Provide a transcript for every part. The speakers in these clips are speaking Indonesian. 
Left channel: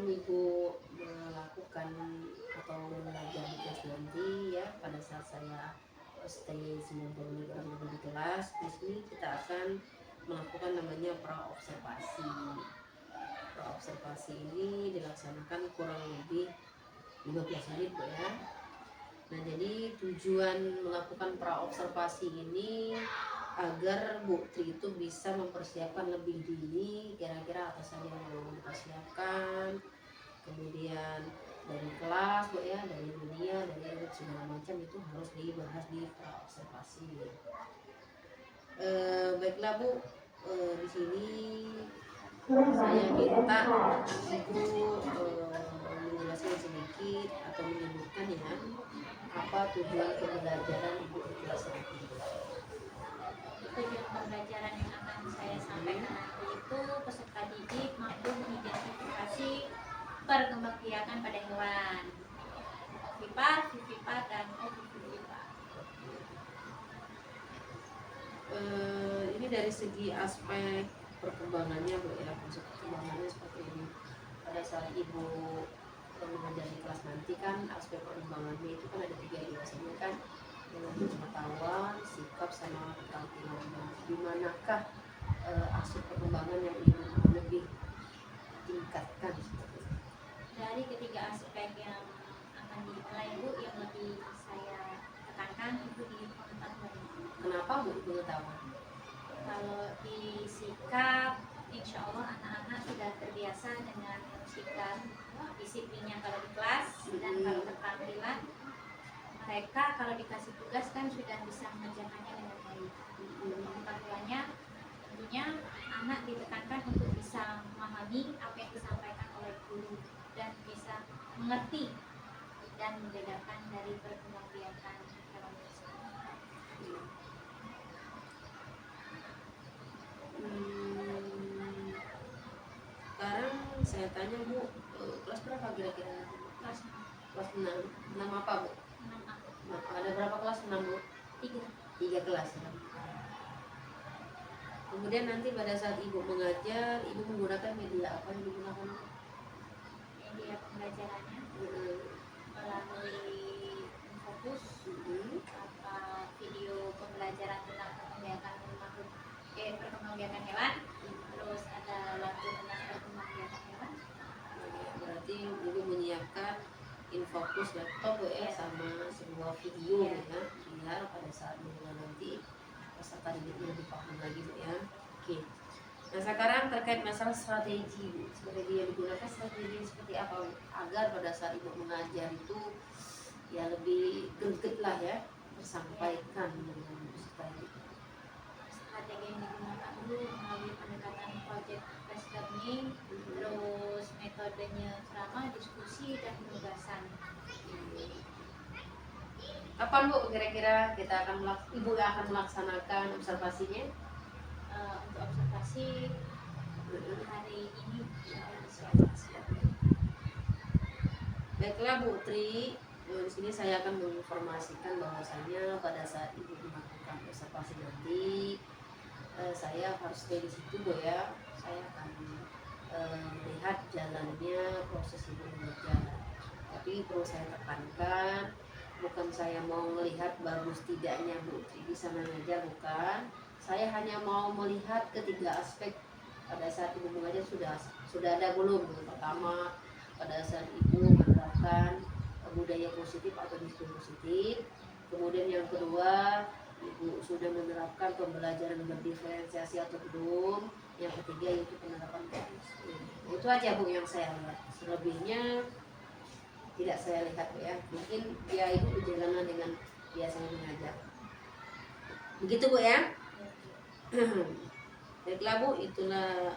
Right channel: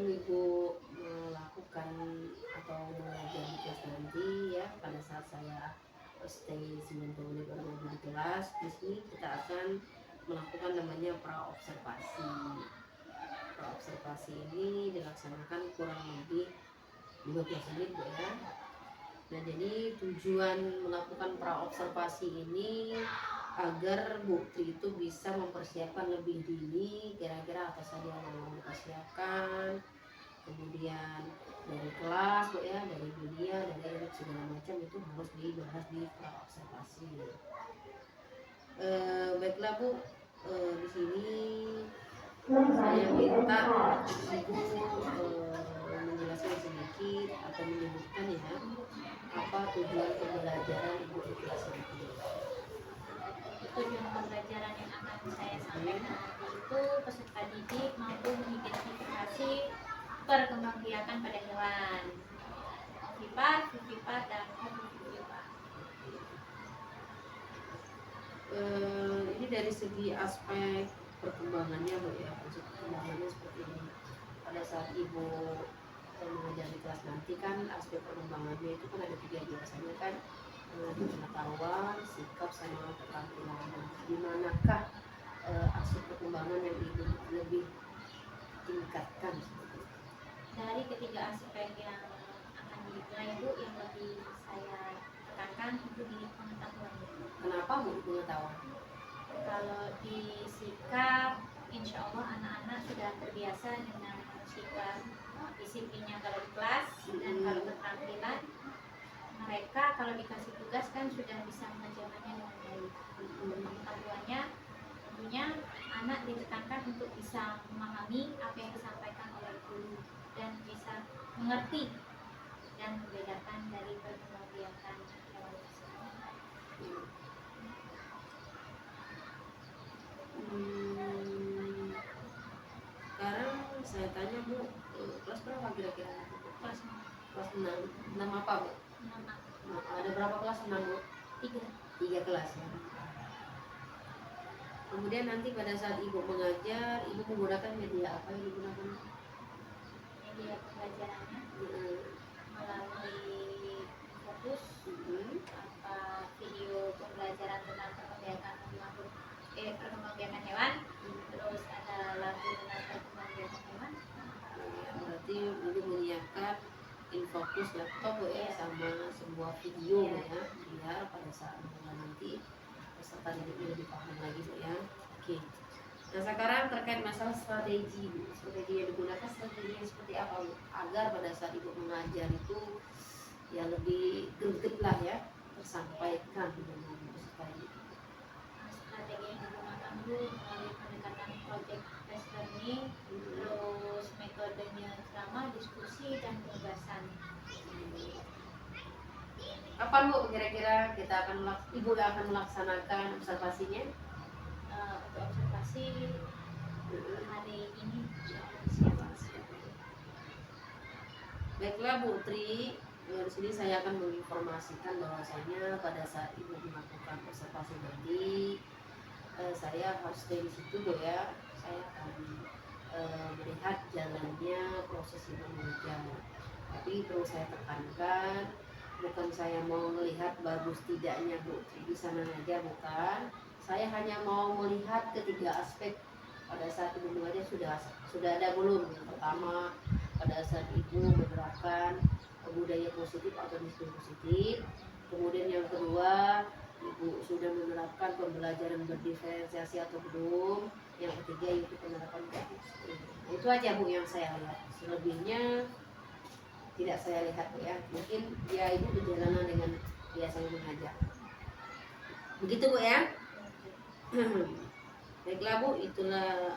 sebelum Ibu melakukan atau mengajar di kelas nanti ya, pada saat saya stay 90 menit kurang lebih di kelas, di sini kita akan melakukan namanya praobservasi. Praobservasi ini dilaksanakan kurang lebih 15 menit Bu ya. Nah, jadi tujuan melakukan praobservasi ini agar Bu Tri itu bisa mempersiapkan lebih dini kira-kira apa saja yang mau dipersiapkan, kemudian dari kelas Bu ya, dari dunia, dari segala macam itu harus dibahas di praobservasi. Baiklah Bu, di sini saya minta Ibu menjelaskan sedikit atau menyebutkan ya apa tujuan pembelajaran Ibu di kelas ini. Tujuan pembelajaran yang akan saya sampaikan nanti itu peserta didik mampu mengidentifikasi perkembangbiakan pada hewan, ovipar, vivipar, dan ovovivipar. Ini dari segi aspek perkembangannya Bu ya, maksud perkembangannya seperti ini. Pada saat Ibu mengajar di kelas nanti kan aspek perkembangannya itu kan ada 3 biasanya kan, pengetahuan, sikap, sama keterampilan. Di manakah aspek perkembangan yang Ibu lebih tingkatkan seperti itu? Dari ketiga aspek yang akan dimulai Bu, yang lebih saya tekankan itu di pengetahuan. Kenapa Bu di pengetahuan? Kalau di sikap, insya Allah anak-anak sudah terbiasa dengan sikap disiplinnya kalau di kelas, dan kalau keterampilan mereka kalau dikasih tugas kan sudah bisa mengerjakannya dengan baik. Pengetahuannya tentunya anak ditekankan untuk bisa memahami apa yang disampaikan oleh guru dan bisa mengerti dan membedakan dari perkembangbiakan hewan tersebut. Sekarang saya tanya Bu, kelas berapa kira-kira? Kelas 6. 6 apa Bu? 6A. Nah, ada berapa kelas 6 Bu? 3 kelas ya. Kemudian nanti pada saat Ibu mengajar, Ibu menggunakan media apa yang digunakan? Media pembelajarannya melalui fokus, video pembelajaran tentang perkembangbiakan hewan, terus ada lagu tentang perkembangbiakan hewan. Berarti Ibu menyiapkan infokus laptop Bu ya, sama sebuah video ya, biar pada saat mengajar nanti peserta didiknya lebih paham lagi Bu ya. Oke. Nah, sekarang terkait masalah strategi Bu, strategi yang digunakan strategi yang seperti apa Bu? Agar pada saat Ibu mengajar itu ya lebih greget lah ya, tersampaikan dengan peserta didik. Strategi yang digunakan itu melalui pendekatan project based learning, terus metodenya ceramah, diskusi, dan penugasan. Kapan Bu kira-kira kita akan Ibu akan melaksanakan observasinya? Untuk observasi hari ini Baiklah Bu Tri, di sini saya akan menginformasikan bahwasanya pada saat Ibu melakukan observasi nanti, saya harus stay di situ Bu ya. Saya akan melihat jalannya proses Ibu mengajar. Tapi perlu saya tekankan, bukan saya mau melihat bagus tidaknya Bu Tri di sana ngajar, bukan. Saya hanya mau melihat ketiga aspek pada saat Ibu mengajar sudah ada belum. Yang pertama, pada saat Ibu menerapkan budaya positif atau disiplin positif. Kemudian yang kedua, Ibu sudah menerapkan pembelajaran berdiferensiasi atau belum. Yang ketiga itu penerapan disiplin. Nah, itu aja Bu yang saya lihat. Selebihnya tidak saya lihat Bu ya. Mungkin ya Ibu berjalanan dengan biasanya mengajar. Begitu Bu ya. Baiklah Bu, itulah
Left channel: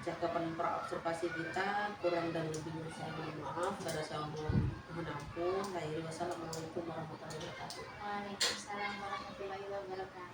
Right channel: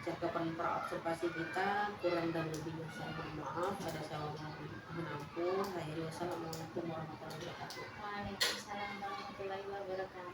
cakapan praobservasi kita. Kurang dan lebihnya saya mohon maaf. Pada saya mohon ampun. Wassalamualaikum warahmatullahi wabarakatuh. Waalaikumsalam warahmatullahi wabarakatuh.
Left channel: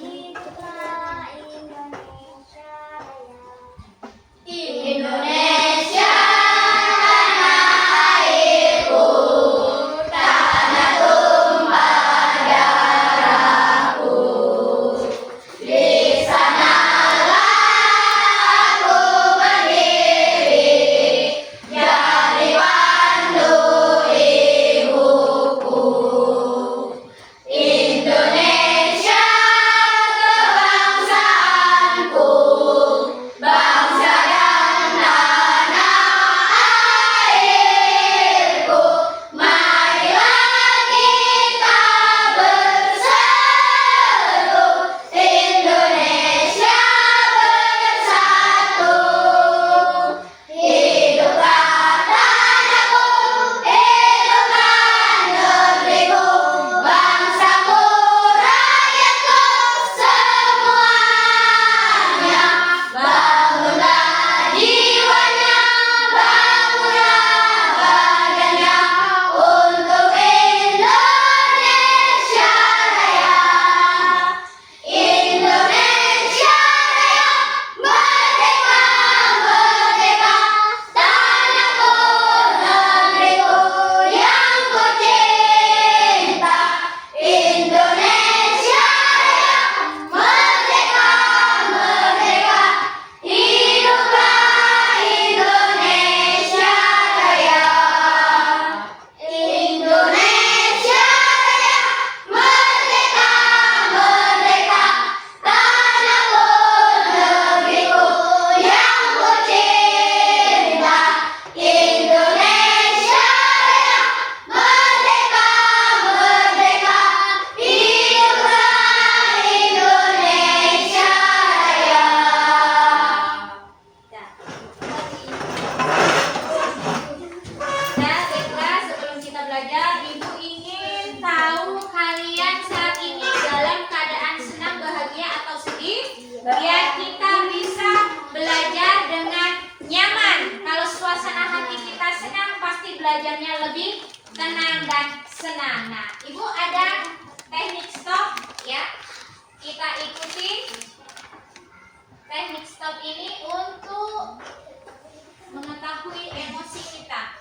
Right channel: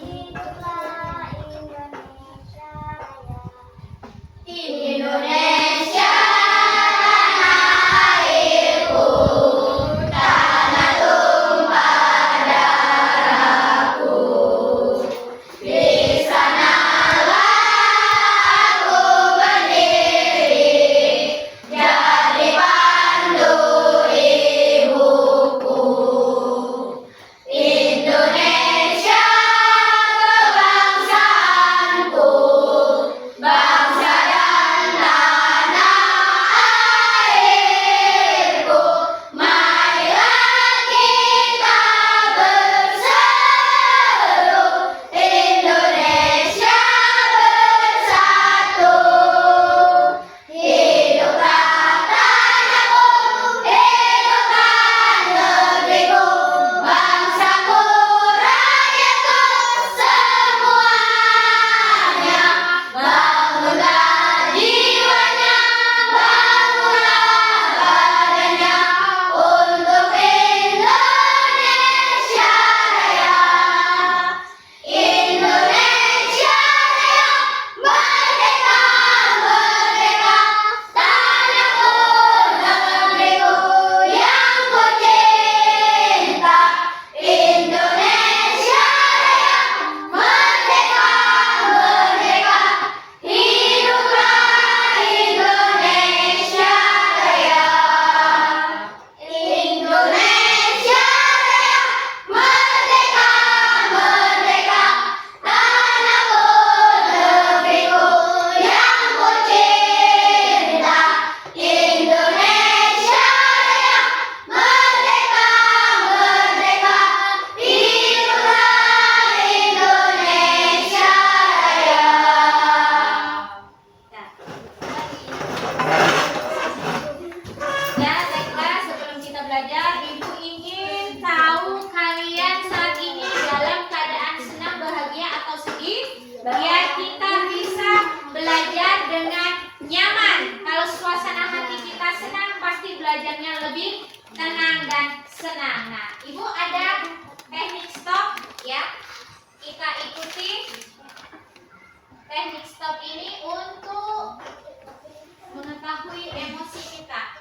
Hiduplah Indonesia Raya. Indonesia tanah airku, tanah tumpah darahku. Di sanalah aku berdiri, jadi pandu ibuku. Indonesia kebangsaanku, bangsa dan tanah airku. Marilah kita berseru, Indonesia bersatu. Hiduplah tanahku, hiduplah negeriku, bangsaku, rakyatku semuanya. Bangunlah jiwanya, bangunlah badannya untuk Indonesia Raya. Indonesia Raya, merdeka, merdeka, tanahku, negeriku yang ku cinta. Indonesia Raya, merdeka, merdeka, hiduplah Indonesia Raya. Indonesia Raya, merdeka, merdeka, tanahku, negeriku yang ku cinta. Indonesia Raya, merdeka, merdeka, hiduplah Indonesia Raya. Nah, baiklah, sebelum kita belajar, Ibu ingin tahu kalian saat ini dalam keadaan senang, bahagia, atau sedih, biar kita bisa belajar dengan nyaman. Kalau suasana hati kita senang, pasti belajarnya lebih tenang dan senang. Nah, Ibu ada teknik stop ya. Kita ikuti teknik stop ini untuk mengetahui emosi kita.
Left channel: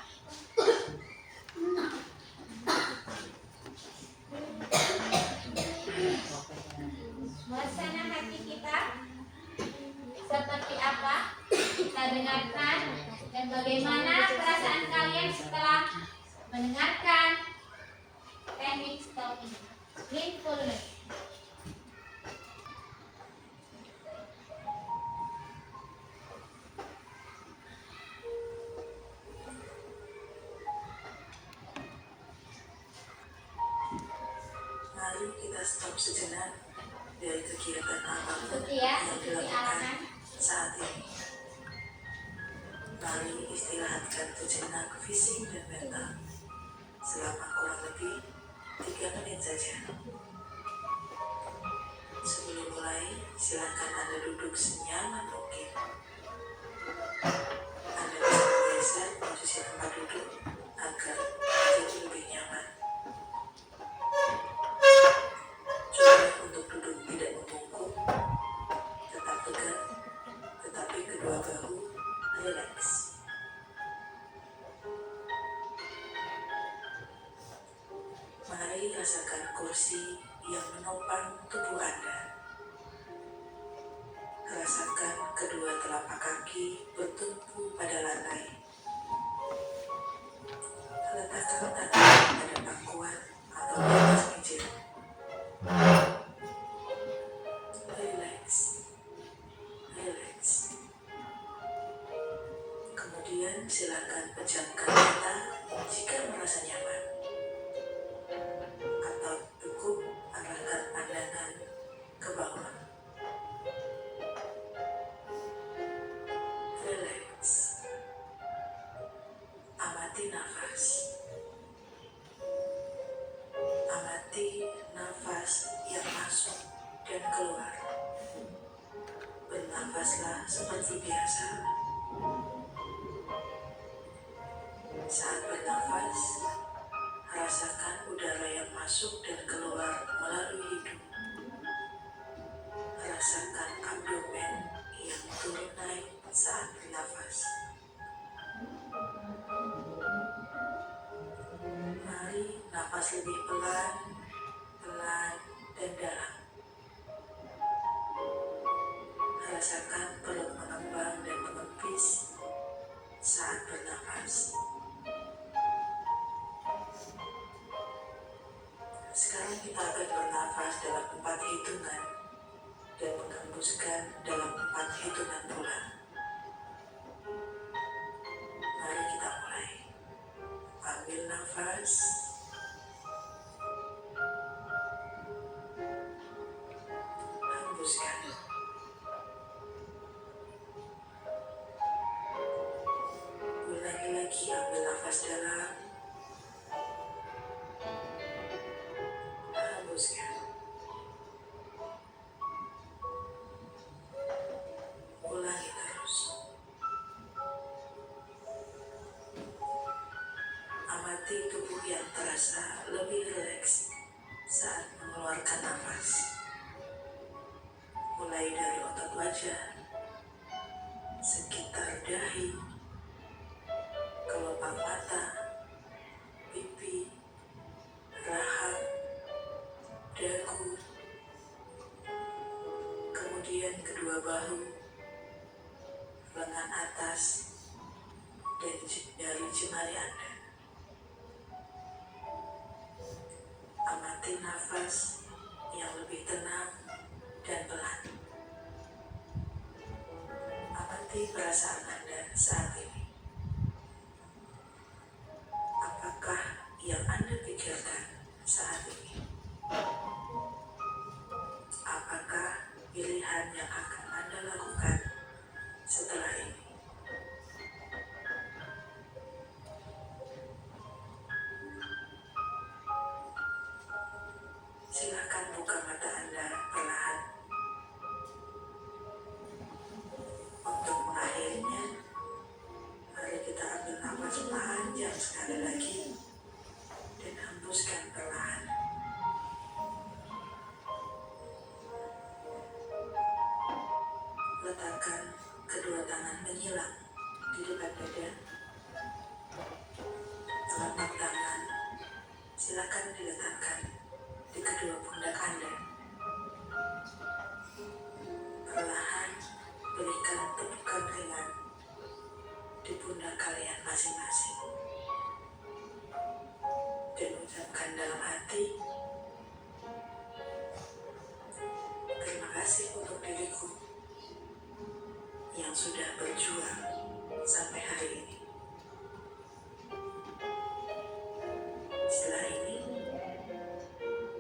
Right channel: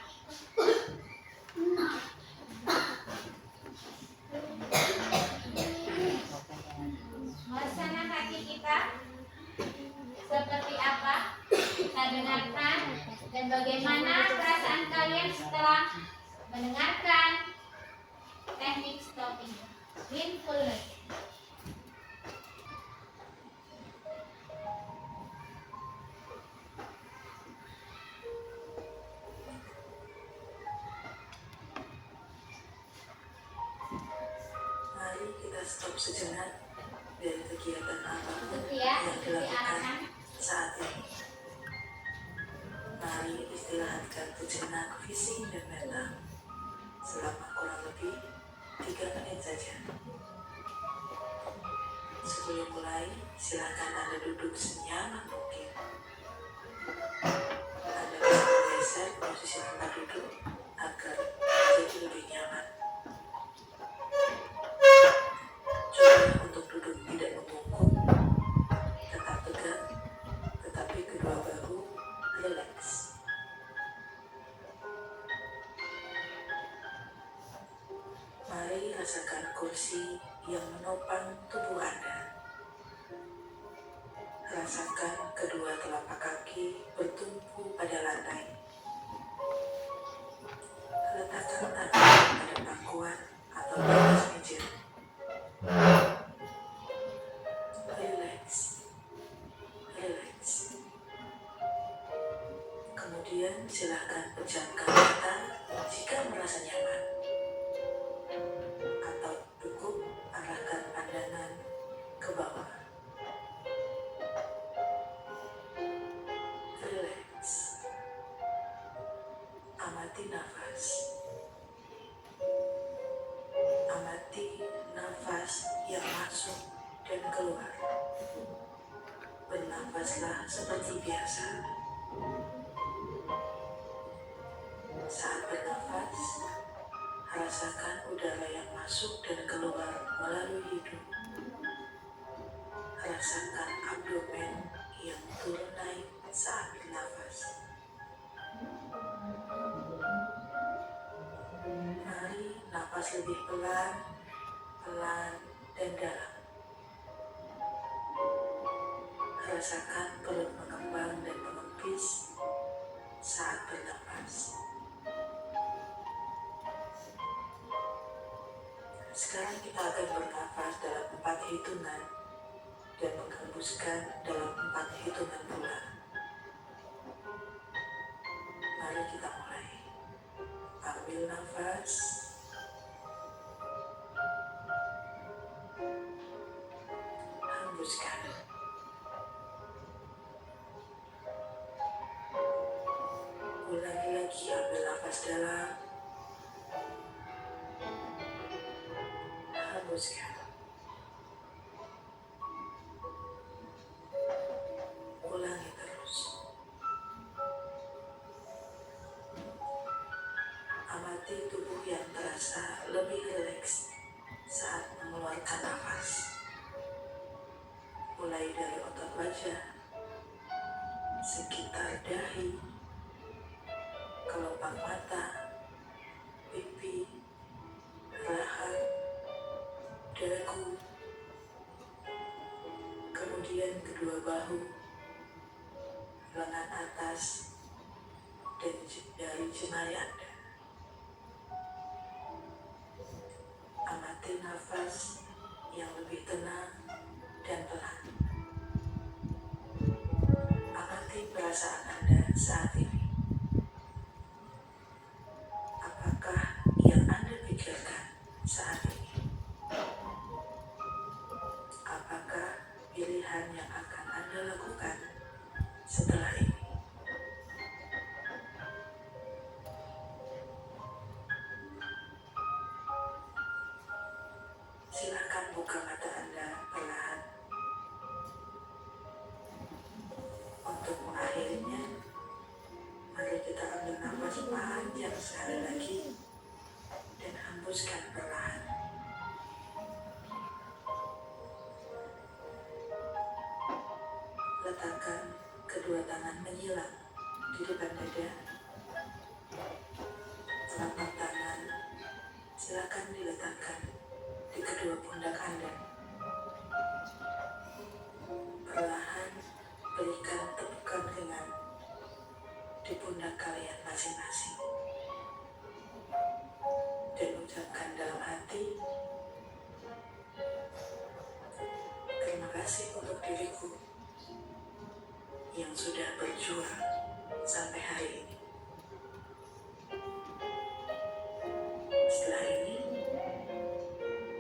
Suasana hati kita seperti apa? Kita dengarkan, dan bagaimana perasaan kalian setelah mendengarkan teknik stop ini. Mindfulness. Mari kita stop sejenak dari kegiatan apapun Ikuti ya, yang ikuti dilakukan arahan. saat ini. Mari istirahatkan sejenak fisik dan mental selama kurang lebih 3 menit saja. Sebelum mulai, silakan Anda duduk senyaman mungkin. Anda bisa bergeser posisi tempat duduk agar jadi lebih nyaman. Coba untuk duduk tidak membungkuk, tetap tegak, tetapi kedua bahu rileks. Mari rasakan kursi yang menopang tubuh Anda. Rasakan kedua telapak kaki bertumpu pada lantai. Letakkan tangan pada pangkuan atau di atas meja. Relax, relax. Kemudian silakan pejamkan mata jika merasa nyaman, atau cukup arahkan pandangan ke bawah. Relax. Amati nafas. Amati nafas yang masuk dan keluar. Bernafaslah seperti biasa. Saat bernafas, rasakan udara yang masuk dan keluar. rasakan abdomen yang turun naik saat bernafas. Mari nafas lebih pelan, pelan, dan dalam. Rasakan perut mengembang dan mengempis saat bernafas. Sekarang kita akan bernafas dalam 4 hitungan dan menghembuskan dalam 4 hitungan pula. Mari kita mulai. Ambil nafas. Hembuskan. Ulangi lagi, ambil nafas dalam. Hembuskan. Ulangi terus. Amati tubuh yang terasa lebih rileks saat mengeluarkan nafas. Mulai dari otot wajah, sekitar dahi, kelopak mata, pipi, rahang, dagu, kemudian kedua bahu, lengan atas, dan jari jemari Anda. Amati nafas yang lebih tenang dan pelan. Amati perasaan Anda saat ini. Apakah yang Anda pikirkan saat ini? Apakah pilihan yang akan Anda lakukan setelah ini? Silakan buka mata Anda perlahan. Untuk mengakhirinya, mari kita ambil nafas panjang sekali lagi dan hembuskan perlahan. Letakkan kedua tangan menyilang di depan dada. Telapak tangan silakan diletakkan di kedua pundak Anda. Perlahan berikan tepukan ringan di pundak kalian masing-masing. Dan ucapkan dalam hati, terima kasih untuk diriku yang sudah berjuang sampai hari ini. Setelah ini,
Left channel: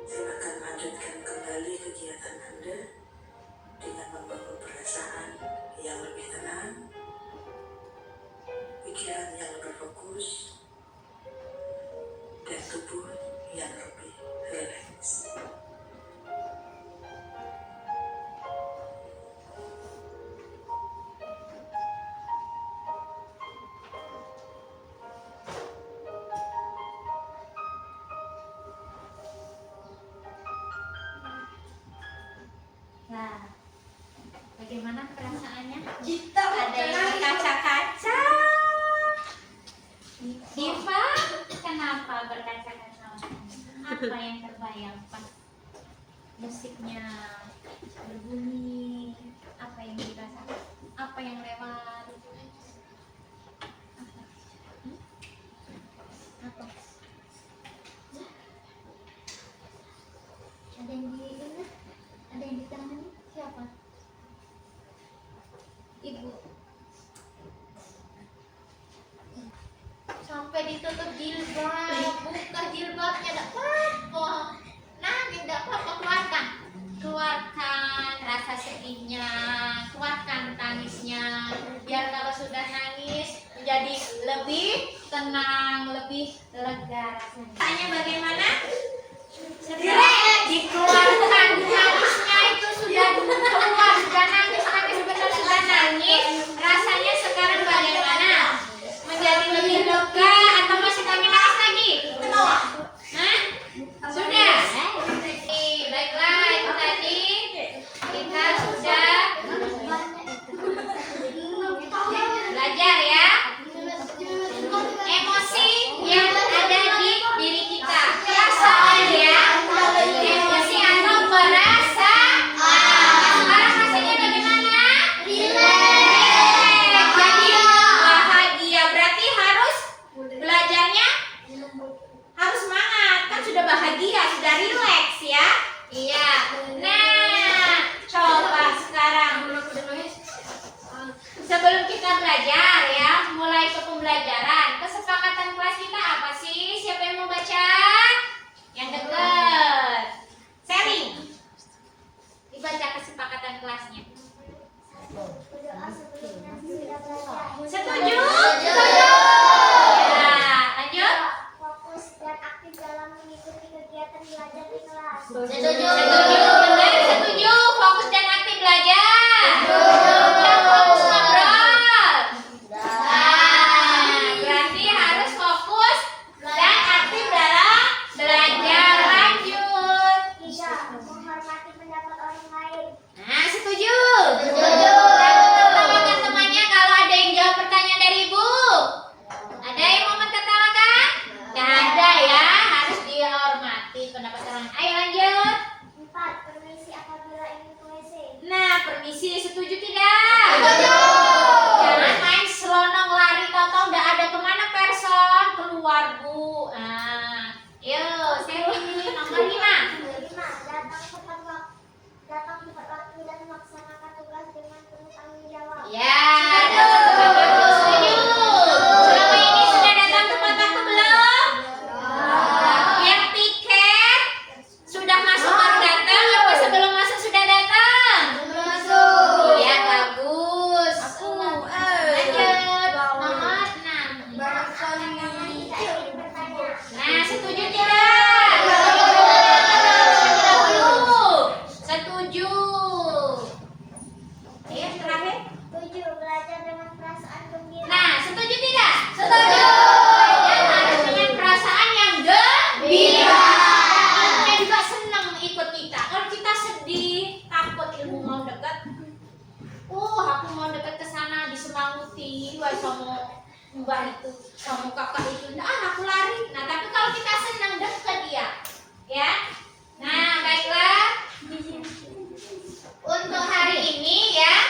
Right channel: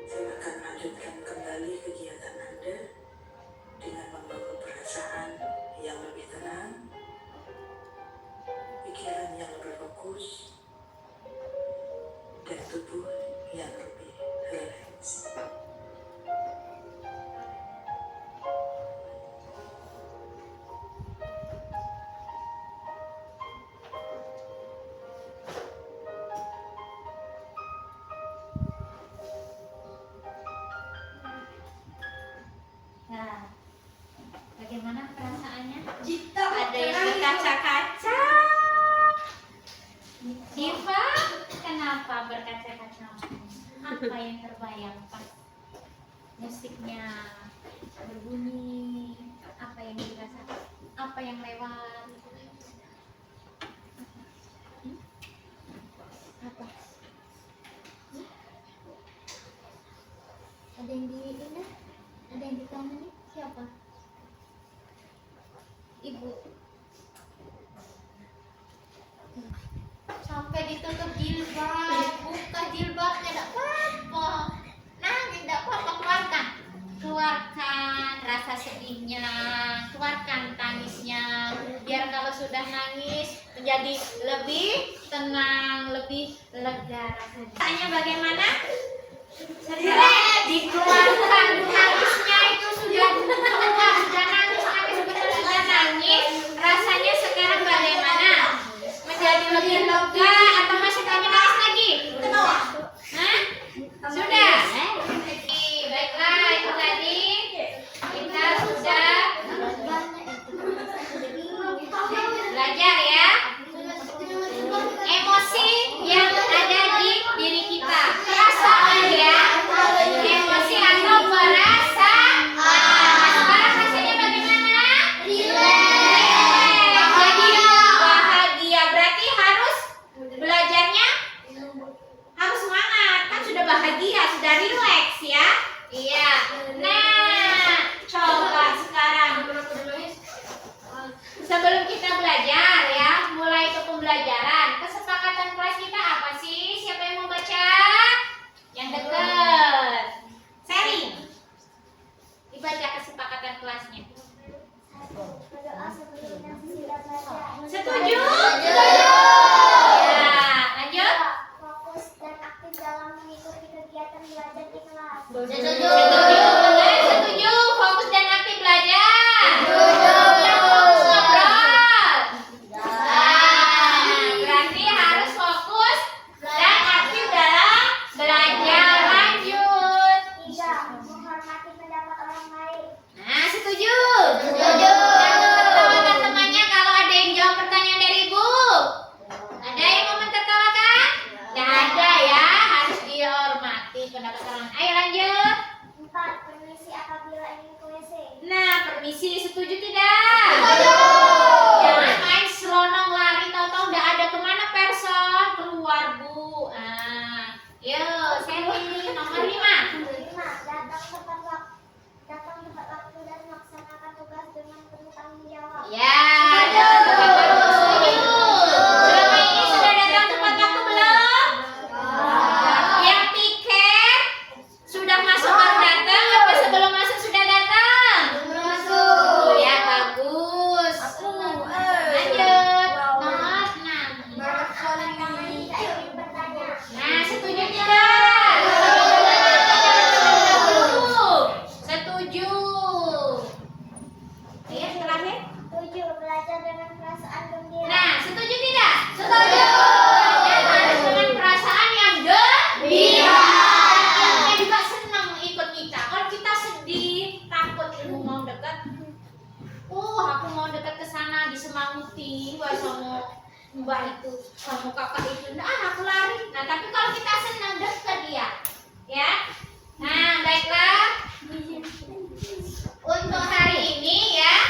silakan lanjutkan kembali kegiatan Anda dengan membawa perasaan yang lebih tenang, pikiran yang lebih fokus, dan tubuh yang lebih rileks. Nah, bagaimana perasaannya? Ada yang berkaca-kaca. Diva, kenapa berkaca-kaca? Apa yang terbayang pas musiknya berbunyi? Apa yang dirasakan? Apa yang lewat? Apa? Ada yang di ini? Ada yang di tangan ini? Siapa? Ibu. Sampai ditutup jilbab, buka jilbabnya, tidak apa-apa. Nangis, tidak apa-apa, keluarkan rasa sedihnya, keluarkan tangisnya, biar kalau sudah nangis menjadi lebih tenang, lebih lega rasanya. Tanya bagaimana? Setelah dikeluarkan tangisnya itu sudah keluar, sudah nangis, benar sudah nangis, rasanya sekarang bagaimana? Menjadi lebih lega atau masih pengen nangis lagi? Hah? Sudah? Baiklah, itu tadi kita Setuju. Setuju. Fokus dan aktif belajar. Yang fokus ngobrol. Berarti harus fokus dan aktif dalam belajar. Lanjut. 3. Menghormati pendapat orang lain. Nah, setuju. Jangan tertawakan temannya kalau ada yang jawab pertanyaan dari ibu. Ada yang mau mentertawakan? Nggak ada ya, harus dihormati pendapat orang. Ayo lanjut. 4. Permisi apabila ingin ke WC. Nah, permisi, setuju tidak? Jangan main selonong lari, tahu-tahu udah ada kemana person? Keluar bu. Nah, yuk, Sally, nomor 5. 5. Datang tepat waktu dan melaksanakan tugas dengan penuh tanggung jawab. Ya, setuju. Selama ini sudah datang tepat waktu belum? Yang tiket sudah masuk baru datang, apa sebelum masuk sudah datang? Oh ya, bagus. Lanjut. Nomor 6. Nah, setuju tidak? Setuju. Ayo, terakhir. 7. Belajar dengan perasaan gembira. Nah, setuju tidak? Setuju. Belajar harus dengan perasaan yang gembira. Dan kita juga senang ikut kita. Kalau kita sedih, takut ibu mau dekat. Aku mau dekat ke sana disemanguti, wah sama mbak itu, sama kakak itu. Nah, aku lari. Nah, tapi kalau kita senang dekat dia, ya. Nah, baiklah. Untuk hari ini ya,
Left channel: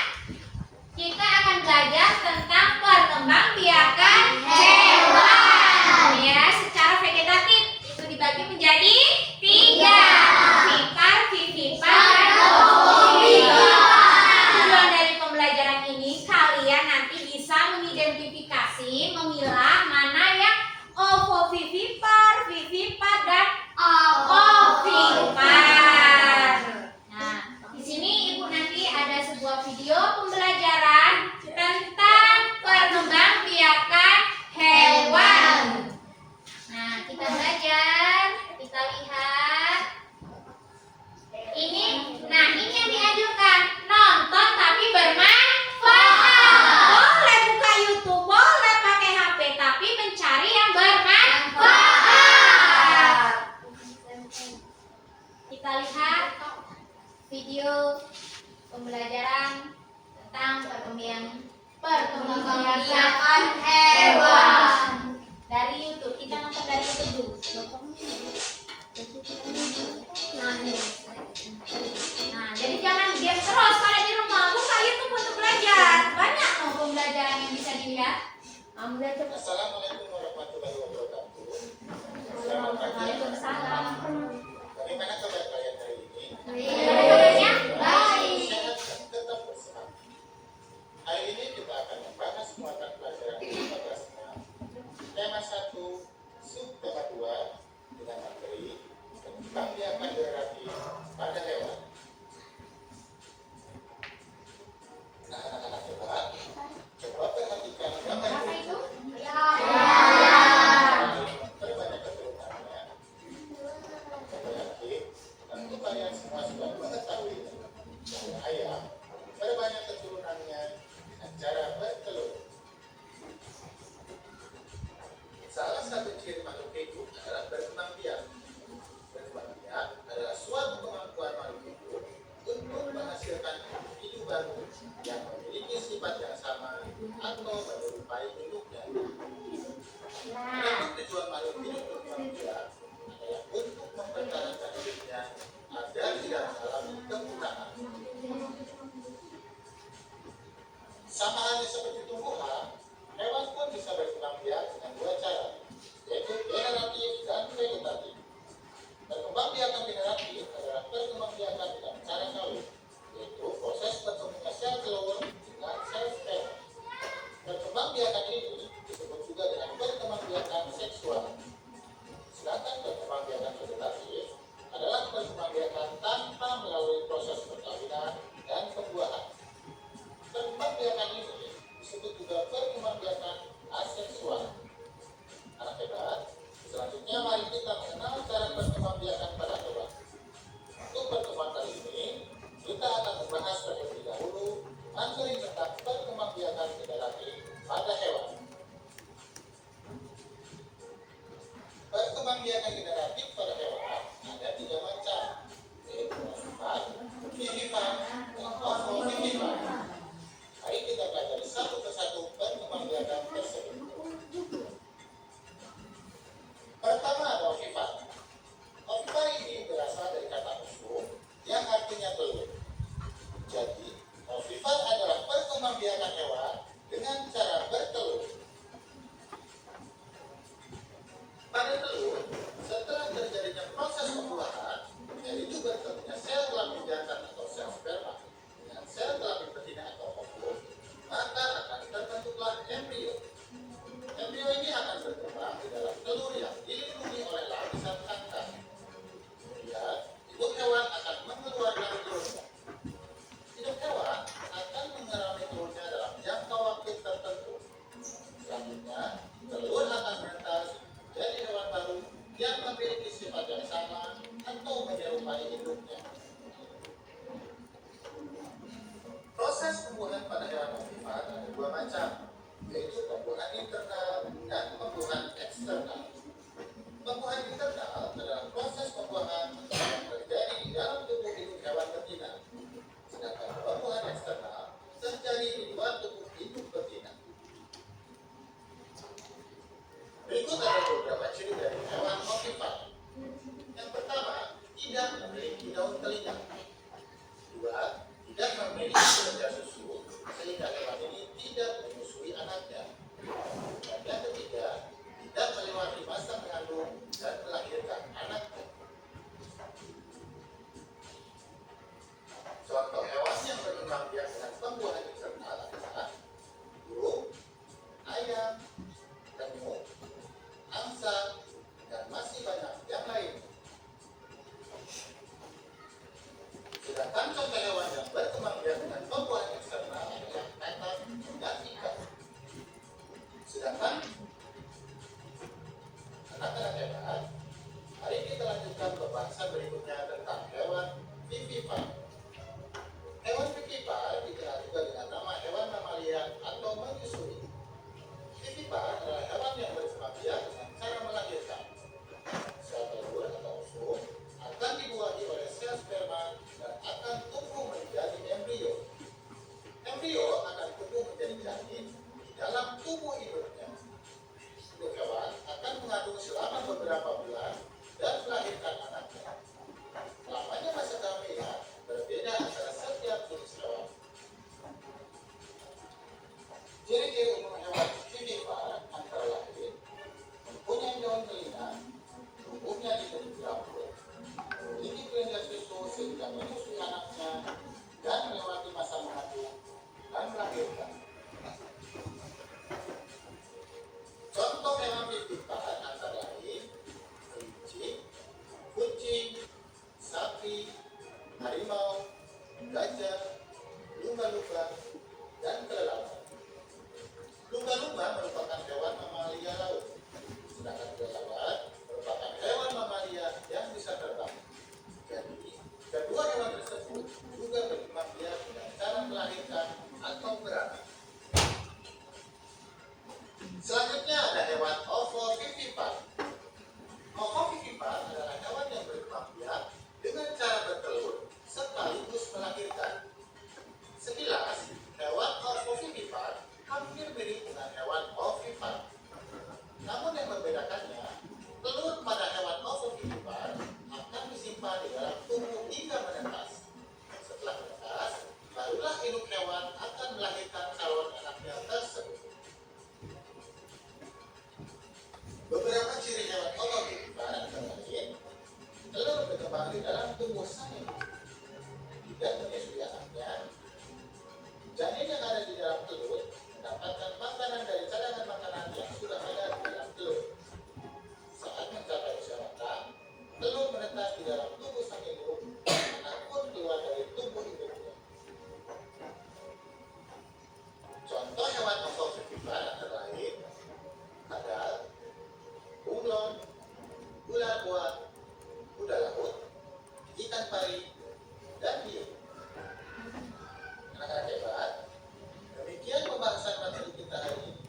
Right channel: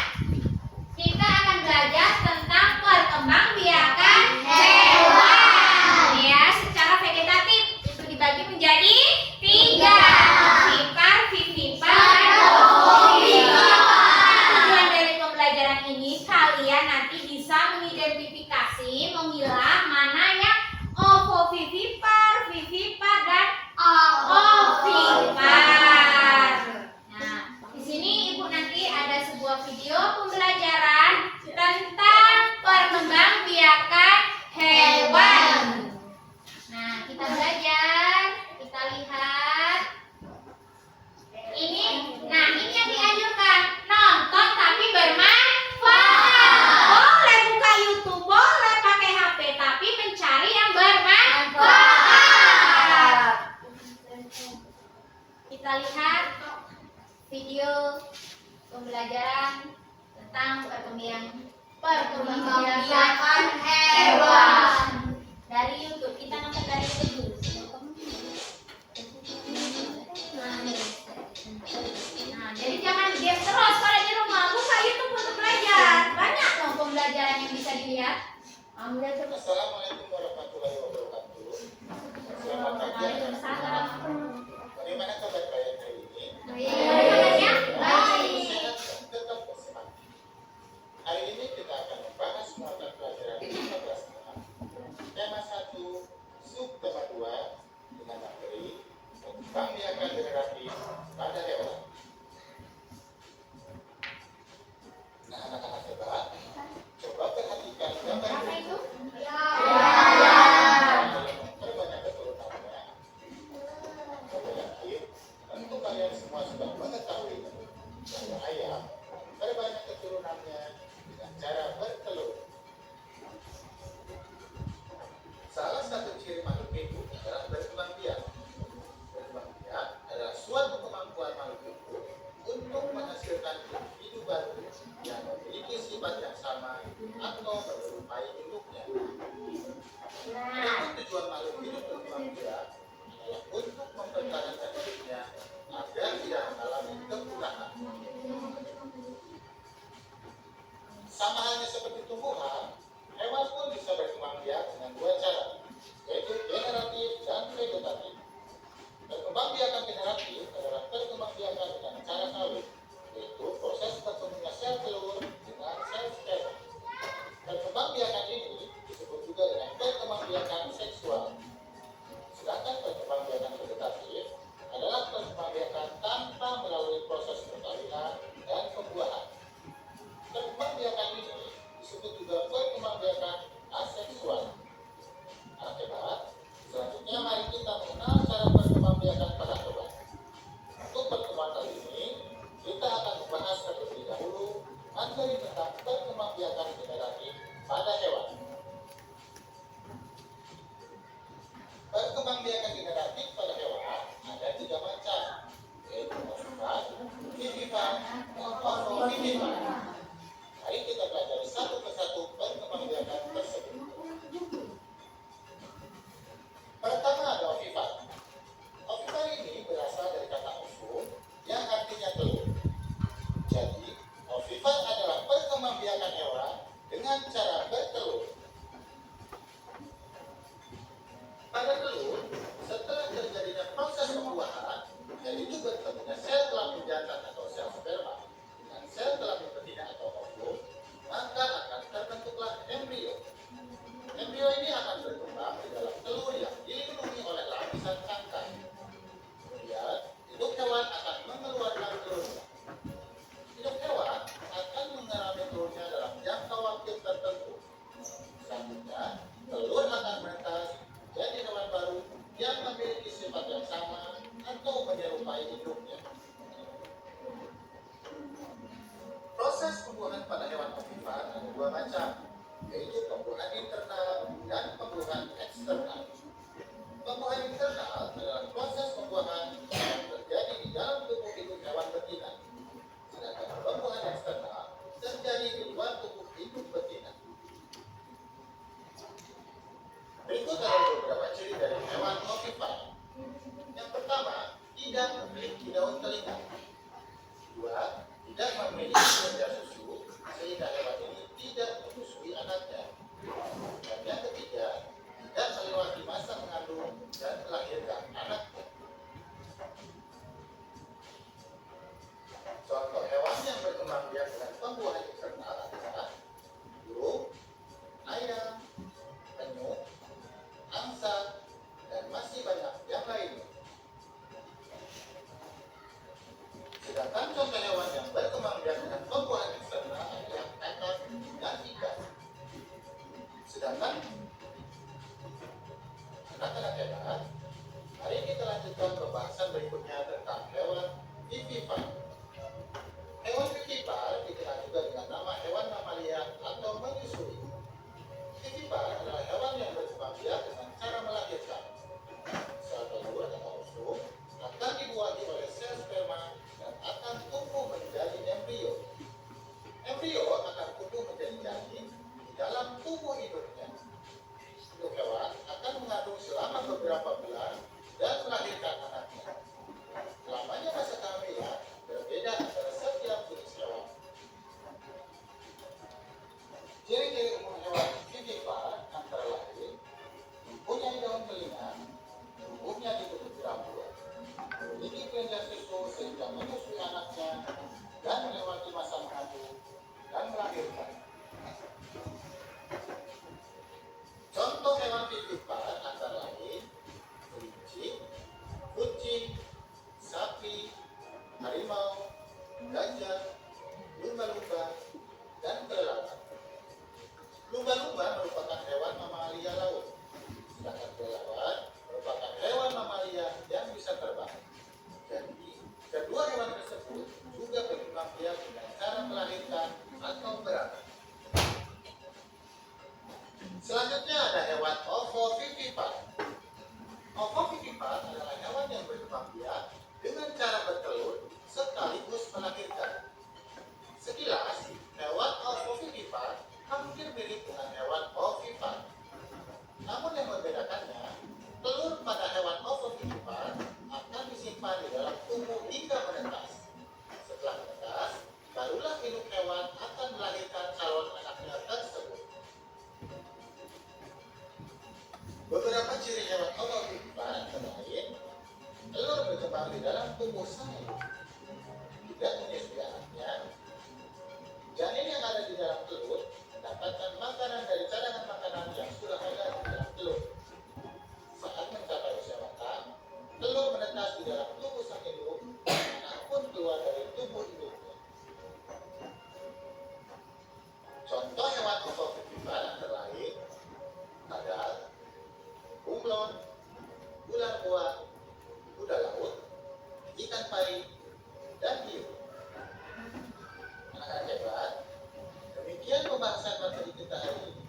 kita akan belajar tentang perkembangbiakan hewan ya, secara vegetatif. Itu dibagi menjadi 3. Vipar, vivipar, dan ovovivipar. Tujuan dari pembelajaran ini kalian nanti bisa mengidentifikasi, memilah mana yang ovovivipar, vivipar, dan ovovivipar. Nah, di sini ibu nanti ada sebuah video pembelajaran tentang perkembangbiakan hewan. Nah, kita belajar, kita lihat. Nah ini yang dianjurkan, nonton tapi bermanfaat. Boleh buka YouTube, boleh pakai HP, tapi mencari yang bermanfaat. Kita lihat video pembelajaran tentang perkembangbiakan hewan dari YouTube. Kita nonton dari YouTube dulu. Nah, jadi jangan game terus pada di rumah. Buka YouTube untuk belajar. Banyak dong pembelajaran yang bisa dilihat. Ambil terus. Assalamualaikum warahmatullahi wabarakatuh. Selamat pagi. Waalaikumsalam. Bagaimana kabar kalian hari ini? Gimana kabarnya? Baik. Sehat dan tetap bersemangat. Hari ini kita akan membahas mata pelajaran 15-nya. Tema 1, sub tema 2 dengan materi perkembangbiakan generatif pada hewan. Nah, anak-anak hebat, coba perhatikan gambar Apa ini. itu? Ya. yaitu pembuahan internal dan pembuahan eksternal. Pembuahan internal adalah proses pembuahan yang terjadi di dalam tubuh induk hewan betina, sedangkan pembuahan eksternal terjadi di luar tubuh induk betina. Berikut adalah beberapa ciri dari hewan ovipar. Yang pertama, tidak memiliki daun telinga. Dua, tidak memiliki kelenjar susu, sehingga hewan ini tidak menyusui anaknya. Dan yang ketiga, tidak melewati masa mengandung dan melahirkan anaknya. Contoh hewan yang berkembang biak dengan pembuahan eksternal adalah burung, ayam, penyu, angsa, dan masih banyak yang lainnya. Sedangkan contoh hewan yang berkembang biak dengan pembuahan eksternal adalah petak dan ikan. Sedangkan anak-anak hewan, mari kita lanjutkan pembahasan berikutnya tentang hewan vivipar. Hewan vivipar dikenal juga dengan nama hewan mamalia atau menyusui. Vivipar adalah hewan yang berkembang biak dengan cara melahirkan. Sel telur atau usum akan dibuahi oleh sel sperma dan akan tumbuh menjadi embrio. Embrio akan tumbuh menjadi janin di dalam tubuh induknya. Induk hewan akan mengandung selama beberapa bulan dan melahirkan anaknya. Lamanya masa kehamilan berbeda antara setiap jenis hewan. Ciri-ciri umum hewan vivipar antara lain mempunyai daun telinga, tubuhnya dikelilingi rambut, memiliki kelenjar susu sehingga menyusui anaknya, dan melewati masa mengandung dan melahirkan. Contoh hewan vivipar antara lain kelinci, kucing, sapi, harimau, gajah, lumba-lumba, dan kelelawar. Lumba-lumba merupakan hewan mamalia laut, sedangkan kelelawar merupakan hewan mamalia yang bisa terbang. Jadi, kedua hewan tersebut juga berkembang biak dengan cara melahirkan atau beranak. Selanjutnya ada hewan ovovivipar. Ovovivipar adalah hewan yang berkembang biak dengan cara bertelur sekaligus melahirkan. Sekilas, hewan ovovivipar hampir mirip dengan hewan ovipar. Namun yang membedakannya, telur pada hewan ovovivipar akan disimpan di dalam tubuh hingga menetas. Setelah menetas, barulah induk hewan akan melahirkan calon anaknya tersebut. Beberapa ciri hewan ovovivipar antara lain, telur berkembang di dalam tubuh sang induk, tidak menyusui anaknya. Janin yang ada di dalam telur mendapatkan makanan dari cadangan makanan yang sudah ada di dalam telur. Saat mencapai usia matang, telur menetas di dalam tubuh sang induk, anak pun keluar dari tubuh induknya. Contoh hewan ovovivipar antara lain kadal, bunglon, ular buah, kuda laut, ikan pari, dan hiu. Anak-anak hebat, demikian pembahasan materi kita hari ini.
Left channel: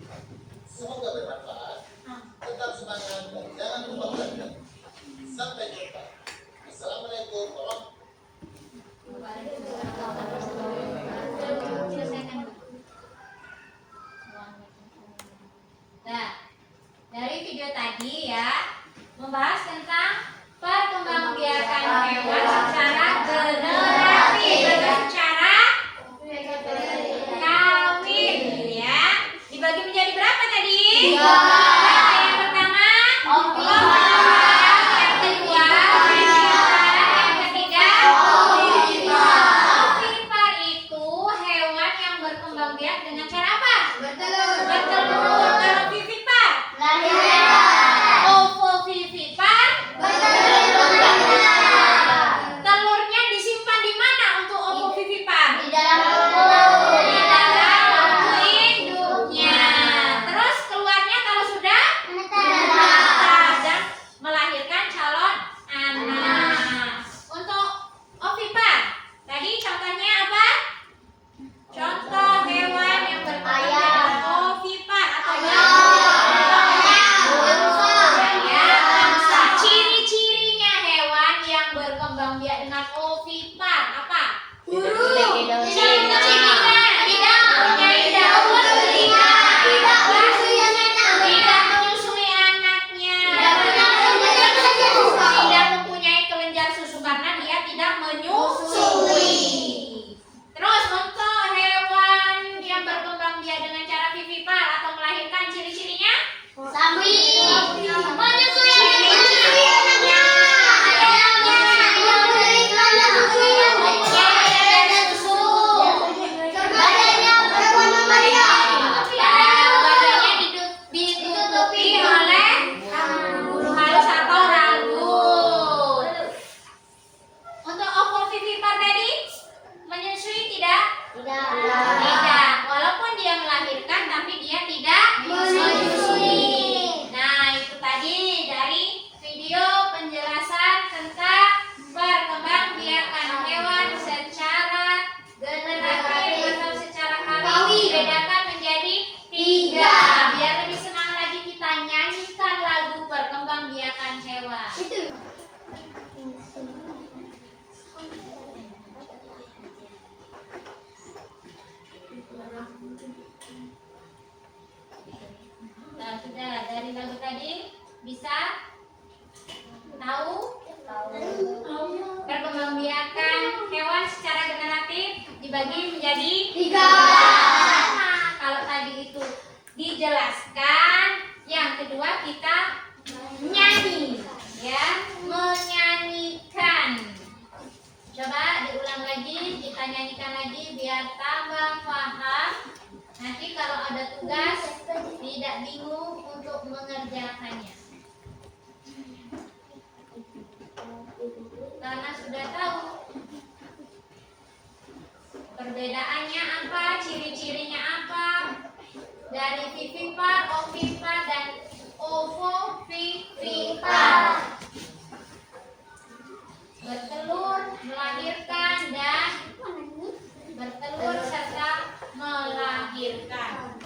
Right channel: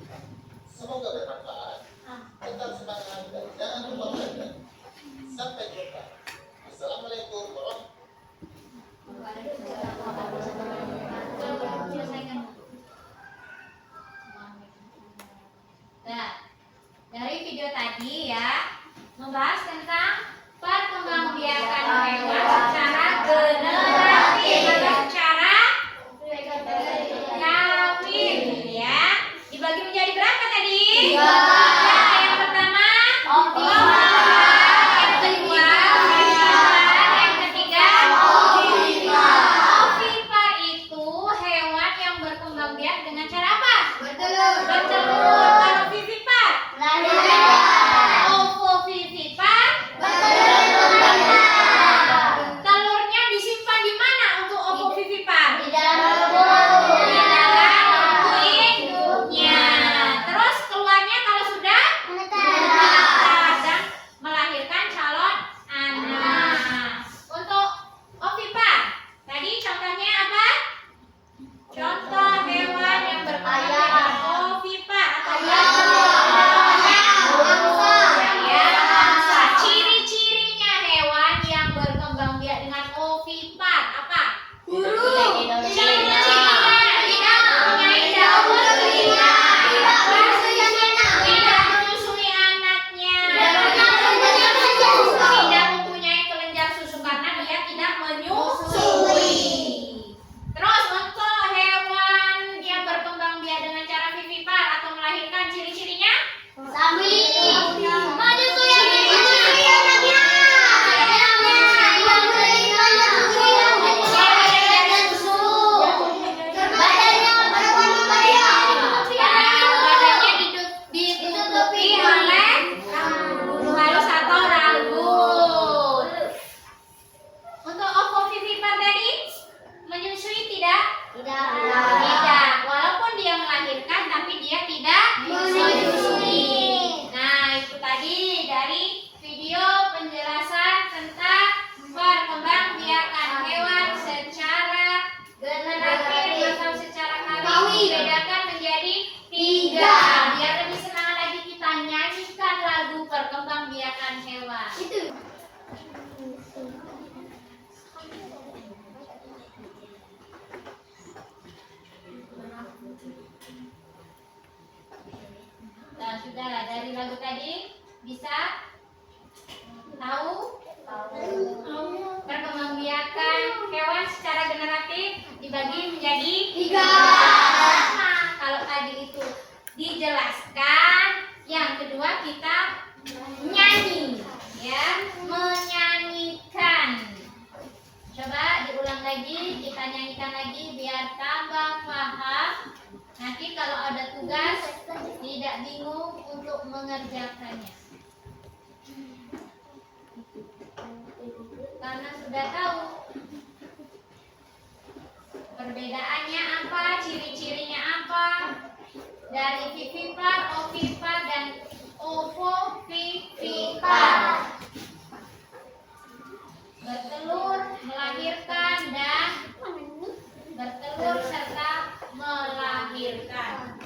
Semoga bermanfaat. Tetap semangat dan jangan lupa belajar. Sampai jumpa. Assalamualaikum warahmatullahi Selesaikan. Nah, dari video tadi ya membahas tentang perkembangbiakan hewan secara generatif atau secara kawin ya. Dibagi menjadi berapa tadi? 3. Yang pertama ovipar, yang kedua vivipar, yang ketiga ovipar itu hewan yang berkembang biak dengan cara apa? Bertelur. Kalau vivipar? Melahirkan. ovipar. Apa? Hidung, Cirinya tidak mempunyai daun telinga, tidak menyusui anaknya, tidak mempunyai kelenjar susu karena dia tidak menyusui. Terus untuk hewan yang berkembang biak dengan cara vivipar atau melahirkan, ciri-cirinya? Badannya ditutupi oleh halus atau rambut. Untuk ovovivipar tadi menyusui tidak? Tidak. Walaupun dia melahirkan tapi dia tidak menyusui. Nah, itu tadi dari video penjelasan tentang perkembangbiakan hewan secara generatif atau secara kawin. Dibedakan menjadi 3. Biar lebih semangat lagi kita nyanyikan lagu perkembangbiakan hewan. Nah, sudah dari lagu tadi bisa tahu perkembangbiakan hewan secara generatif dibagi menjadi 3. Nah, kalau tadi itu dijelaskan, yang kedua kita nyanyi, ya, menyanyikan. Coba diulang lagi, kita nyanyikan lagi biar tambah paham. Nanti kalau ada tugas tidak bingung untuk mengerjakannya. Karena sudah tahu perbedaannya apa, ciri-cirinya apa dari vivipar, ovipar, dan ovovivipar. Bertelur, melahirkan, dan bertelur serta melahirkan.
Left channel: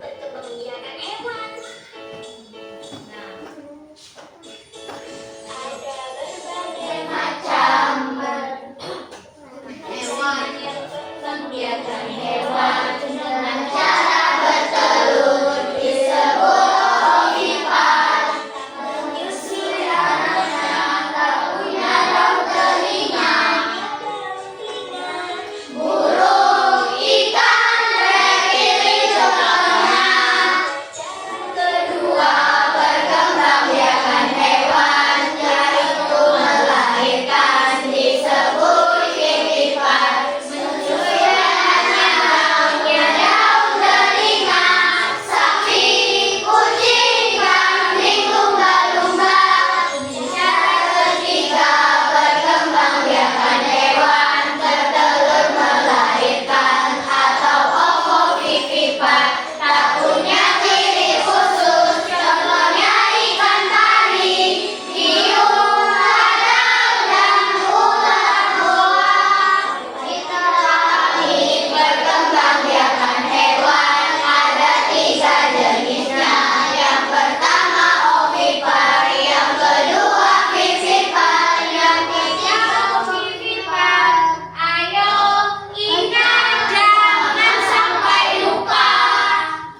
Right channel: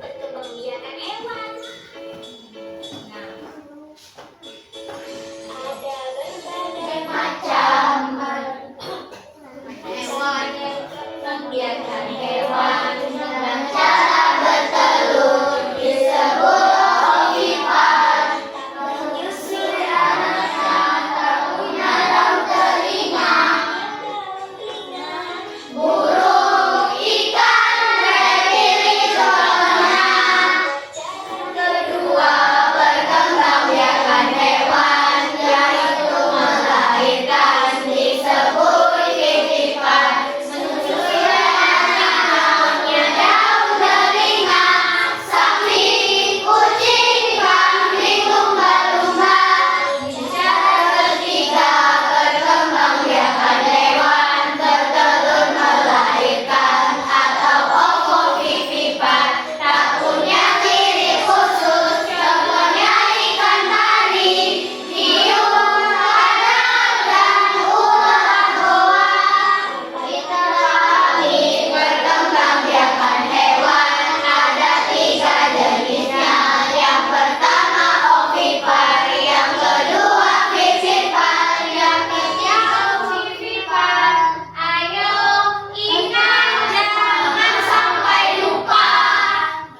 Perkembangbiakan hewan. Nah, Ada berbagai macam hewan yang membiarkan hewan dengan cara bertelur disebut ovipar. Menyusui anaknya tak punya daun telinga. Burung, ikan, reptil contohnya. Kedua, perkembangbiakan hewan yaitu melahirkan disebut vivipar. Menyusui anaknya punya daun telinga. Sapi, kucing, kambing, lumba-lumba. Cara ketiga, perkembangbiakan hewan bertelur melahirkan atau ovovivipar. Tak punya ciri khusus, contohnya ikan tari, hiu, kadal, dan ular boa. Kita lagi perkembangbiakan hewan ada 3 jenisnya. Yang pertama ovipar, yang kedua vivipar, yang ketiga ovivipar. ayo ingat jangan sampai lupa.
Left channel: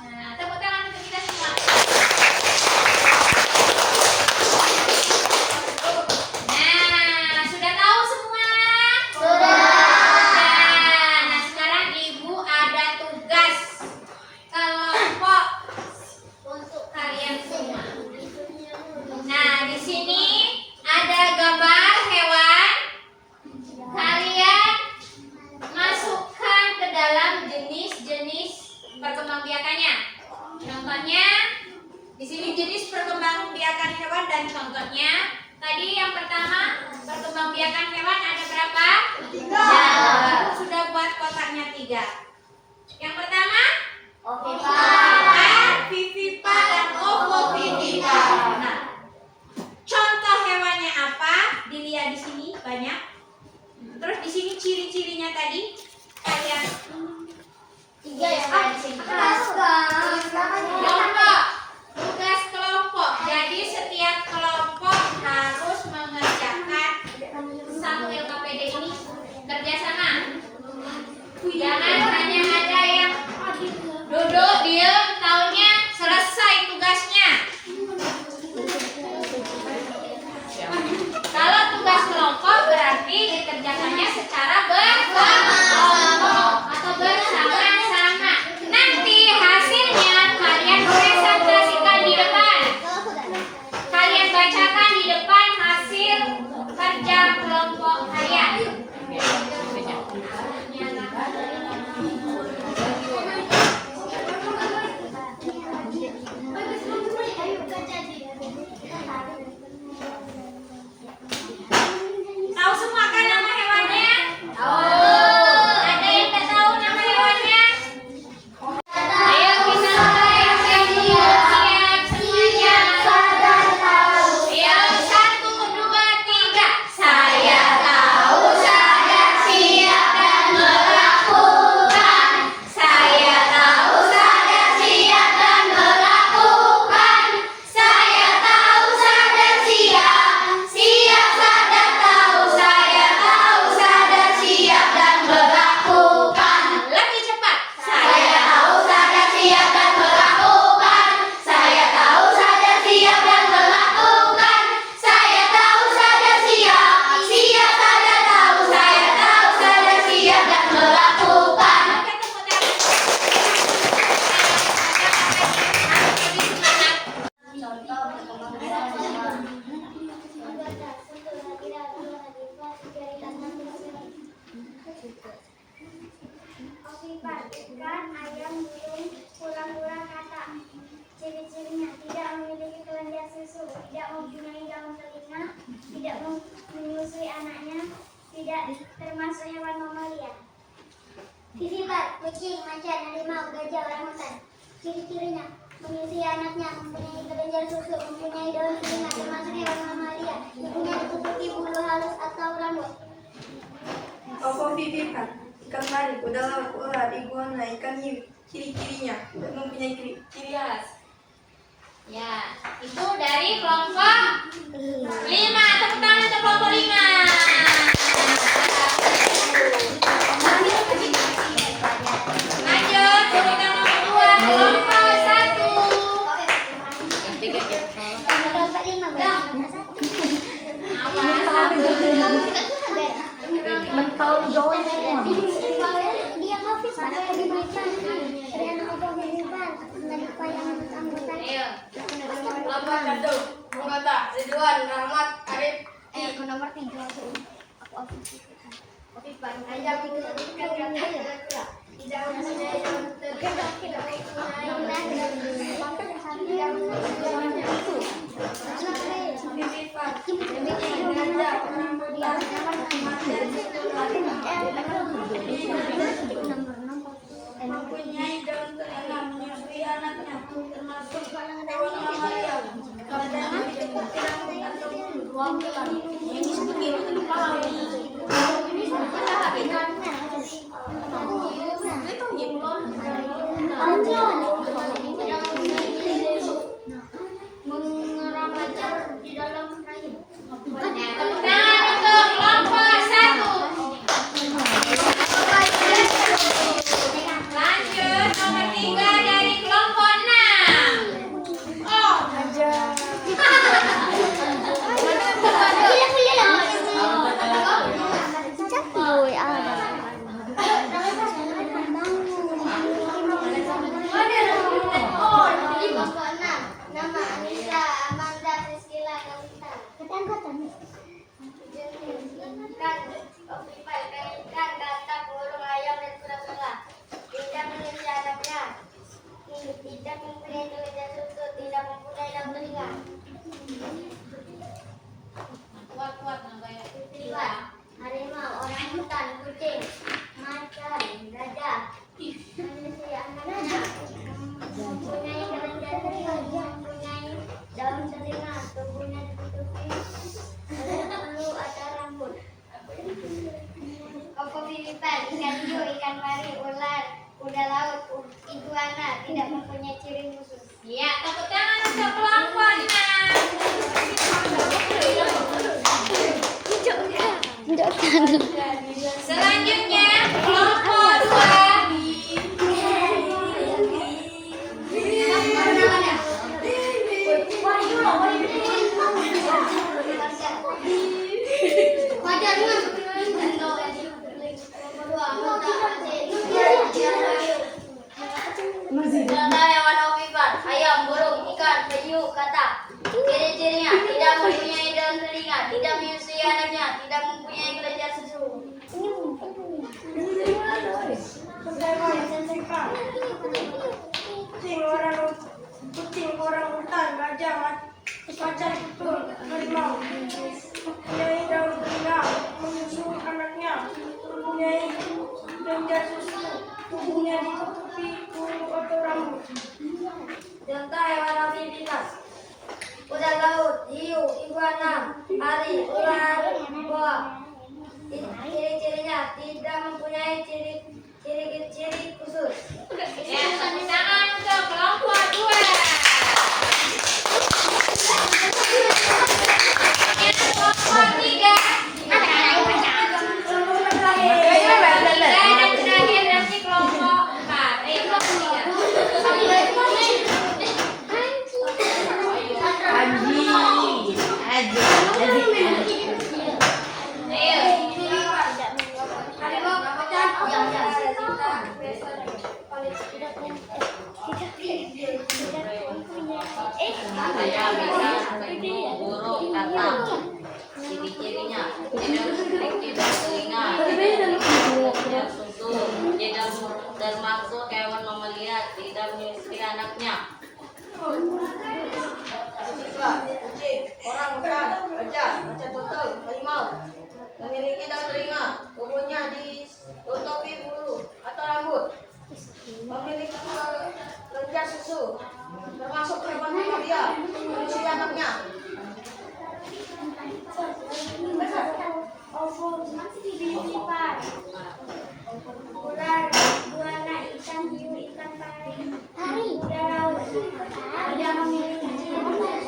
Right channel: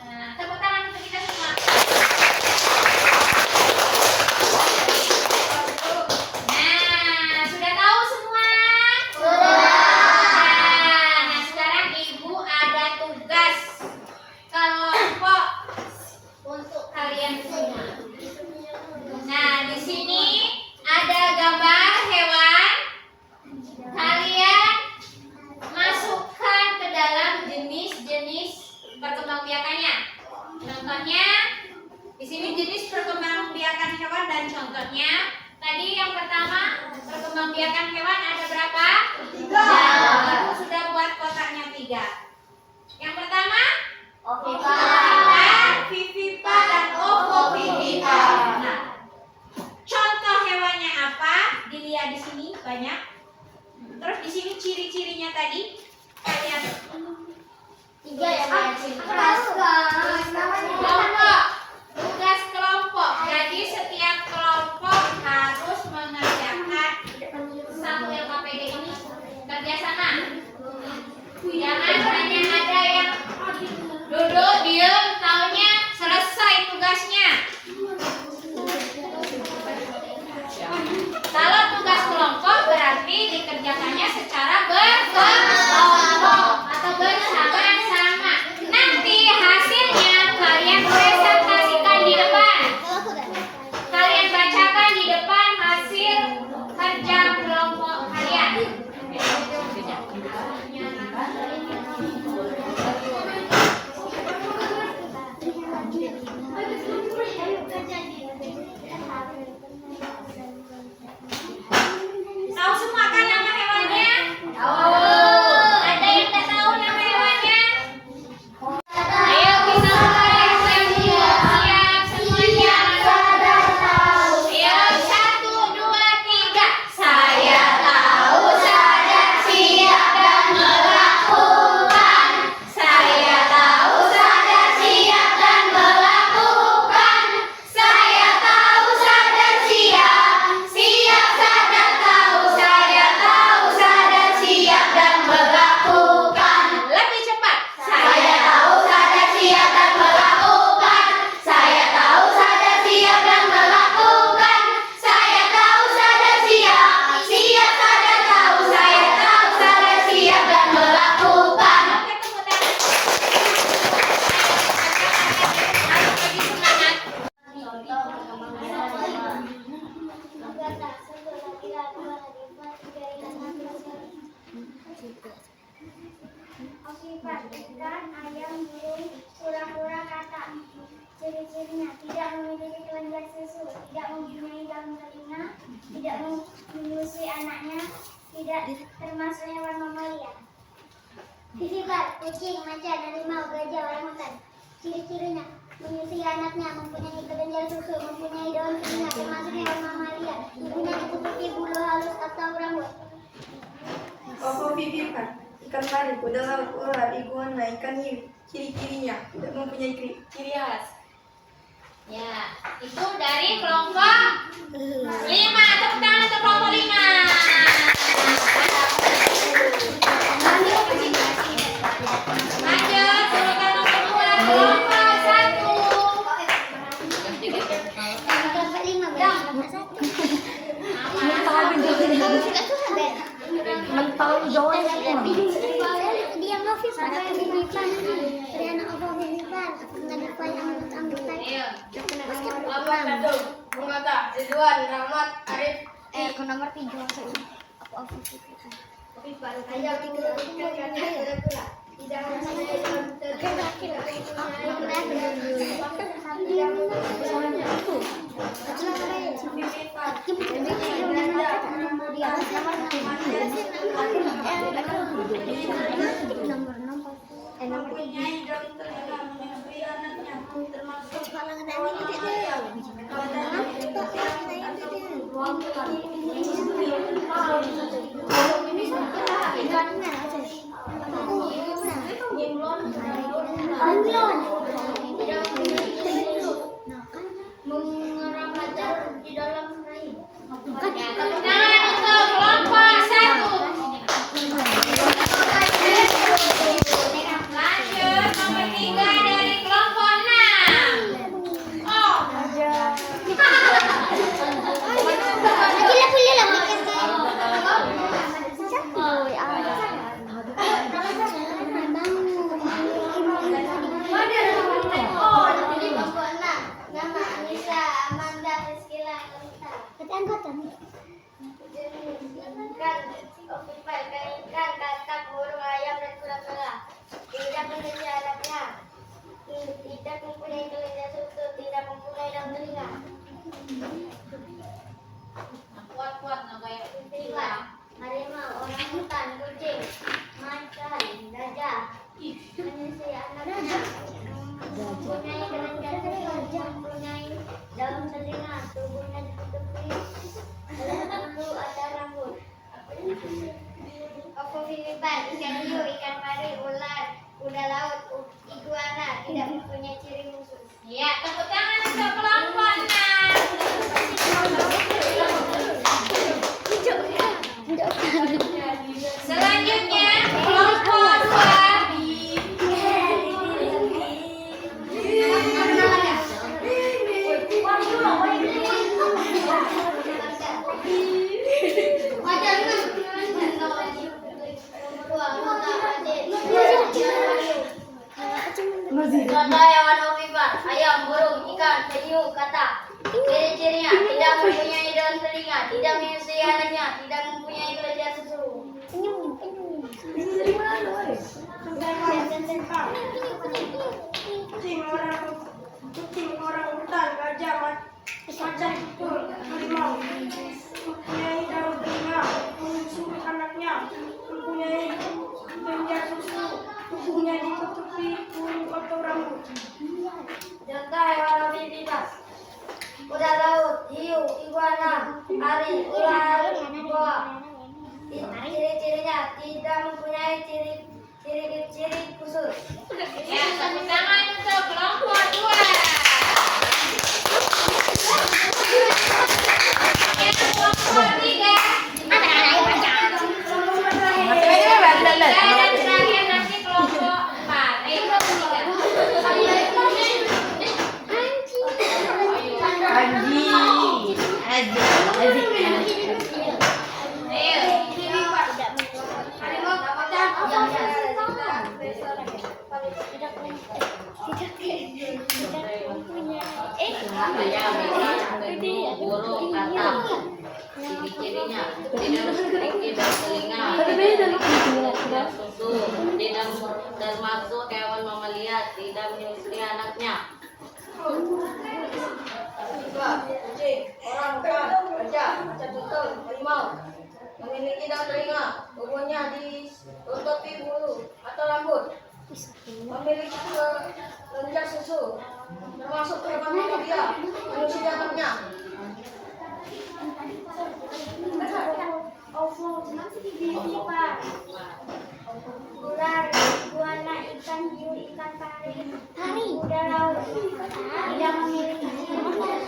Nah, tepuk tangan untuk kita semua. Nah, sudah tahu semua? Nah, sekarang Ibu ada tugas kelompok untuk kalian semua. Nah, di sini ada gambar hewan. Kalian masukkan ke dalam jenis-jenis perkembangbiakannya. Contohnya di sini jenis perkembangbiakan hewan dan contohnya. Tadi yang pertama perkembangbiakan hewan ada berapa? 3. Ibu sudah buat kotaknya 3. Yang pertama ovipar, vivipar, dan ovovivipar. Nah, contoh hewannya apa? Dilihat ya di sini banyak. Terus di sini ciri-cirinya tadi kalian 3 ya, Pak. kelompok, tugas kelompok. Jadi setiap kelompok harus mengerjakan satu LKPD ini kerjasama. Jangan hanya ada yang duduk diem taunya selesai tugasnya. Kalau tugas kelompok berarti dikerjakannya secara berkelompok atau bersama-sama. Nanti hasilnya kalian presentasikan di depan. Kalian bacakan di depan hasil kerja kelompok kalian. Tahu semua kan nama hewannya? Ada yang tak tahu nama hewannya? Ayo kita mulai yang kedua. Siap semuanya. Ayo 1, 2, 3. Saya tahu, sadar, siap dan melakukan. Saya tahu, sadar, siap dan melakukan. Saya tahu, sadar, siap, siap, sadar, tahu. Saya tahu, sadar, siap dan melakukan. Lebih cepat. Saya tahu, sadar, siap dan melakukan. Saya tahu, sadar, siap dan melakukan. Saya tahu, sadar, siap, siap, sadar, tahu. Saya tahu, sadar, siap dan melakukan. Harus lebih semangat. Oksipan, ikan, ayam, burung, kura-kura, katak. Ciri-cirinya tidak memiliki kelenjar susu, tidak mempunyai daun telinga, tidak menyusui anaknya, tidak termasuk hewan mamalia. Vivibar, kucing, macan, harimau, gajah, orangutan. Ciri-cirinya menyusui anaknya, mempunyai kelenjar susu, mempunyai daun telinga, termasuk hewan mamalia, mempunyai kuku putih, bulu halus atau rambut. Ovovivipar, ikan pari, kuda laut, ular, iguana, ikan hiu. Ciri-cirinya tidak mempunyai ciri khas. Ya, itu dari kelompok 5. Tepuk tangan untuk kelompok 5. Lanjut, urutan nomor 2, kelompok 1. Ayo. Kelompok 1, Bungkota, Ridwan, Rahmat, Arif. Nomor 3 Ayam ikan kura-kura. Tidak mempunyai daun telinga, tidak Vivipar, gajah, mempunyai daun telinga, menyusui anaknya, termasuk hewan mamalia. Badannya putih atau beruang-ulang. Mengeramajar di dalam rahim. Tepuk tangan untuk kelompok 1. Lanjut, nomor 3 dari kelompok 6. Oh. ikan hiu, ikan pari, ular, kuda laut, iguana tidak mempunyai ciri khusus. Ya, tepuk tangan untuk kelompoknya. Selanjutnya kelompok 2. Contoh hewan ovipar, ayam, burung, ikan, penyu, katak. Ciri-cirinya tidak mempunyai daun telinga, tidak menyusui anaknya, tidak mempunyai kelenjar susu. Kucing, orang hutan, gajah, macan tutul, harimau, mempunyai daun telinga, menyusui anaknya, mempunyai kelenjar susu, tubuhnya ditutupi bulu atau rambut. Contoh hewan ovipar, kuda laut, hiu, iguana, ari, ular, boa. Ciri-cirinya tidak mempunyai ciri khusus. Ya, tepuk tangan untuk kelompok 2. Yang kelompok 3. Dan terakhir nanti kelompok 4. Kelompok 3. Saya bisa penyu, burung, katak. Ciri-cirinya tidak memiliki daun telinga, tidak susu, tidak termasuk hewan mamalia, tidak menyusui anaknya. Kucing, orang hutan, gajah, macan tutul, harimau, memiliki daun telinga, tubuhnya ditutupi bulu atau rambut, memiliki kelenjar susu, termasuk hewan mamalia, menyusui anaknya. Ovipar, ular, iguana, ikan hiu, ikan pari, kuda laut tidak memiliki ciri khusus.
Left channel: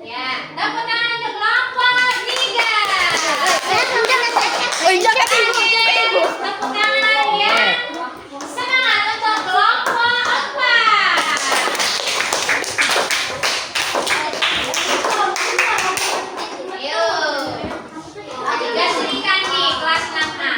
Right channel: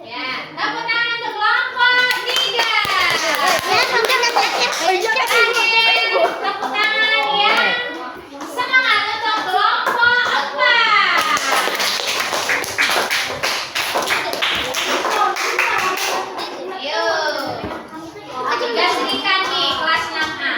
Ya, tepuk tangan untuk kelompok 3. Tepuk tangan ya. Semangat untuk kelompok 4. Ayo. Tugas berikan nih kelas 6A.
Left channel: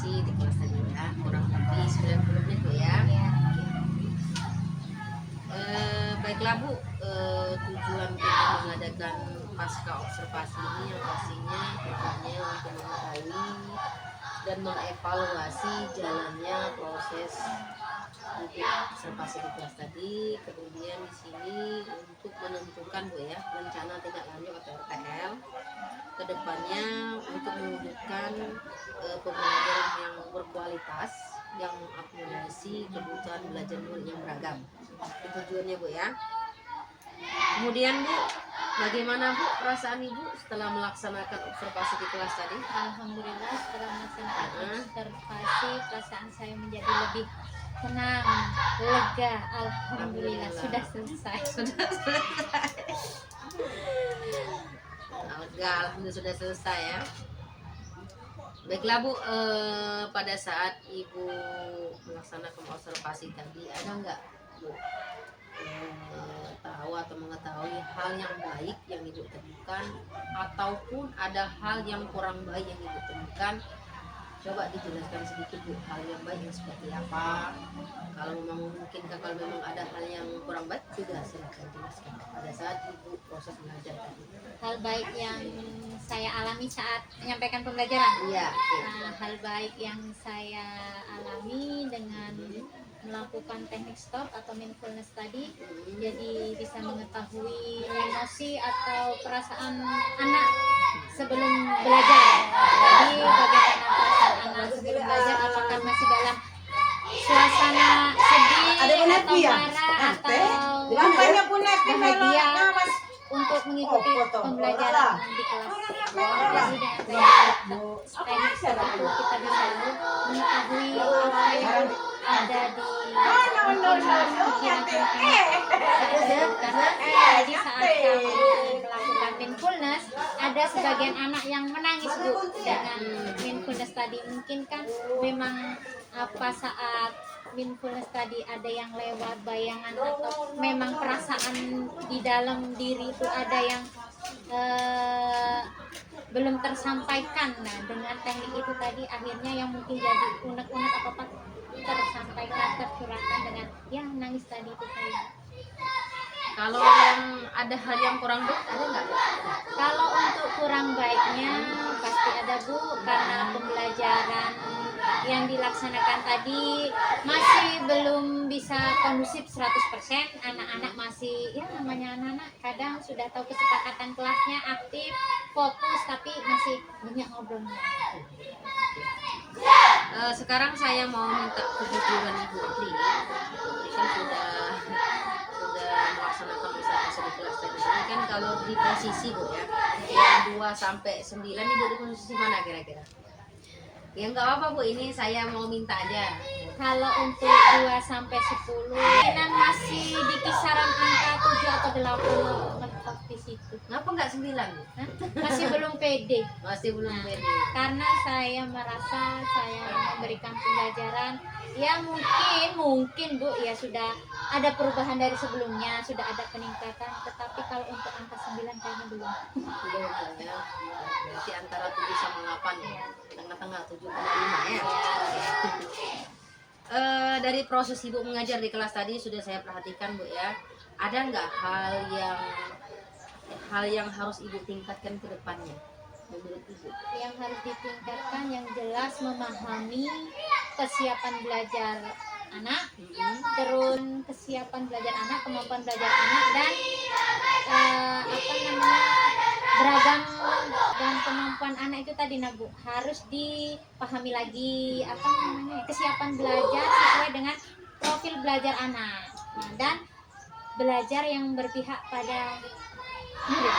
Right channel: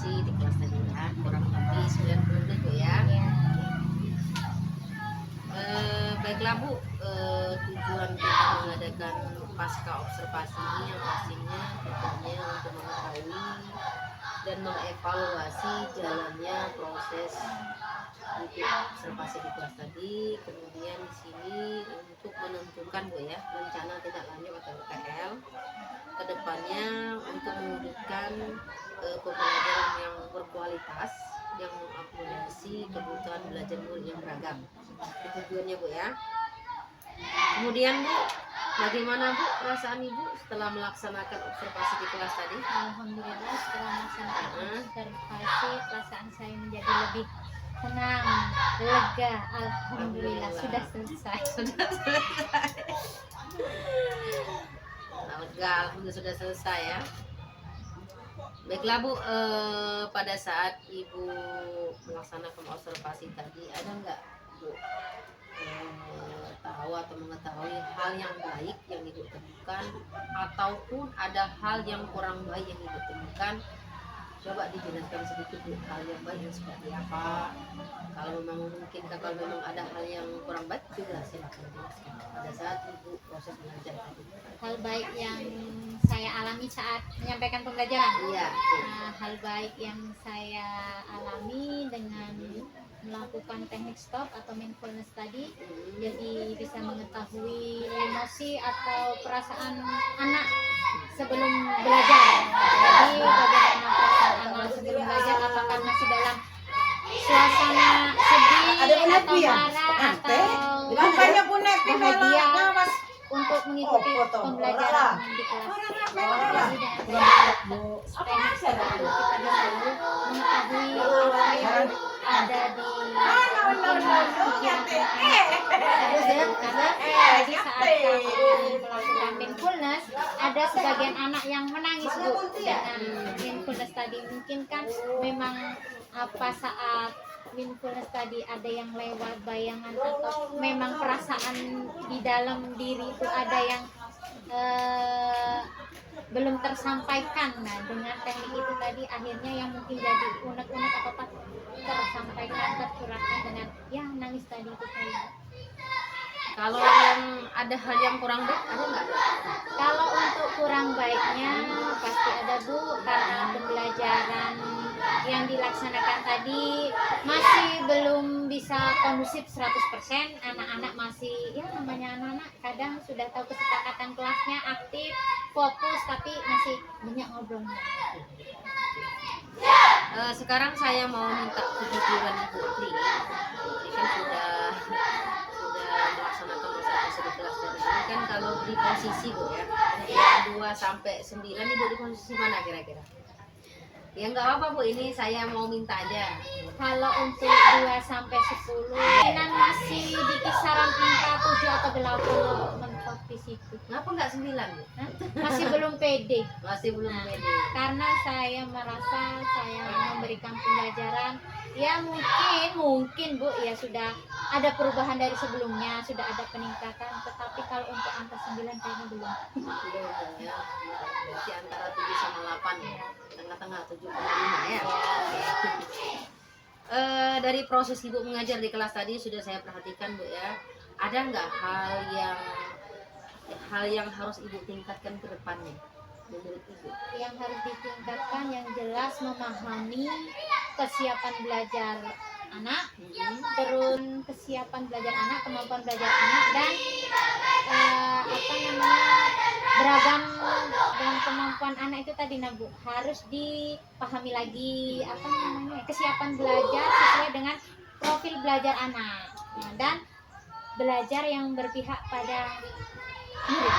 observasi di kelas tadi ya, kurang lebih 90 menit Bu ya. Ya. Baiklah Bu, tujuan kita mengadakan pasca observasi ini yang pastinya tujuannya untuk mengetahui dan mengevaluasi jalannya proses untuk observasi di kelas tadi. Kemudian di sini untuk menentukan Bu ya, rencana tindak lanjut atau RTL kedepannya untuk mewujudkan pembelajaran yang berkualitas yang mengakomodasi kebutuhan belajar murid yang beragam. Itu tujuannya Bu ya. Kemudian Bu, bagaimana Bu perasaan Ibu setelah melaksanakan observasi di kelas tadi? Alhamdulillah setelah melaksanakan observasi perasaan saya menjadi lebih tenang, lega. Alhamdulillah sudah selesai. Sudah selesai. Lega, alhamdulillah sudah selesai ya. Baiklah Bu, pada saat Ibu melaksanakan observasi tadi ada nggak Bu tahu atau mengetahui hal yang baik yang Ibu temukan ataupun ada hal yang kurang baik yang Ibu temukan? Coba dijelaskan sedikit Bu, hal yang baik yang seperti apa? Kalau memang memungkinkan, kalau memang ada hal yang kurang baik juga silakan jelaskan pada saat Ibu proses belajar tadi. Hal baik yang saya alami saat menyampaikan pembelajaran. Iya. Hal baik yang saya alami dengan melakukan teknik stop atau mindfulness tadi, jadi bisa mengetahui emosi atau perasaan anak sebelum belajar. Jadi bagaimana perasaan anak sebelum belajar, apakah masih dalam suasana sedih atau marah atau bahagia untuk mengikuti pembelajaran di kelas. Jadi dengan teknik stop itu kita bisa mengetahui apa yang ada di pikiran karena tadi saat kami melakukan mindfulness ada sebagian anak yang menangis Bu dengan mindfulness tadi. Mungkin kan memang apa saat mindfulness tadi ada yang lewat bayangan atau memang perasaan di dalam diri itu ada yang belum tersampaikan. Nah dengan teknik itu tadi akhirnya yang mungkin jadi unek-unek apa tersampaikan, tercurahkan dengan yang nangis tadi itu tadi. Kalau yang ada hal yang kurang baik ada nggak Bu? Kalau untuk kurang baiknya pasti ada Bu, karena pembelajaran yang dilaksanakan tadi masih belum bisa kondusif 100%. Anak-anak masih, ya namanya anak-anak kadang sudah tahu kesepakatan kelasnya, aktif, fokus, tapi masih banyak ngobrolnya. Sekarang saya mau minta kejujuran Ibu Putri. Ini kan sudah melaksanakan observasi di kelas tadi. Ini kan kalau di posisi Bu ya, yang 2 sampai 9 Ibu di posisi mana kira-kira? Ya nggak apa-apa Bu, ini saya mau minta aja. Kalau untuk 2 sampai 10 dan masih di kisaran angka 7 atau 8 mentok di situ. Kenapa nggak 9 Bu? Hah? Masih belum pede. Masih belum pede. Karena saya merasa saya memberikan pembelajaran ya mungkin Bu ya sudah ada perubahan dari sebelumnya, sudah ada peningkatan, tetapi kalau untuk angka 9 kayaknya belum. Belum ya. Berarti antara 7 sama 8 ya. Tengah-tengah 7,5 ya. Dari proses Ibu mengajar di kelas tadi sudah saya perhatikan Bu ya. Ada nggak hal yang harus Ibu tingkatkan ke depannya menurut Ibu? Yang harus ditingkatkan yang jelas memahami kesiapan belajar anak, terus kesiapan belajar anak, kemampuan belajar anak, dan beragam dan kemampuan anak itu tadi Bu harus dipahami lagi kesiapan belajar sesuai dengan profil belajar anak. Nah, dan belajar yang berpihak pada murid.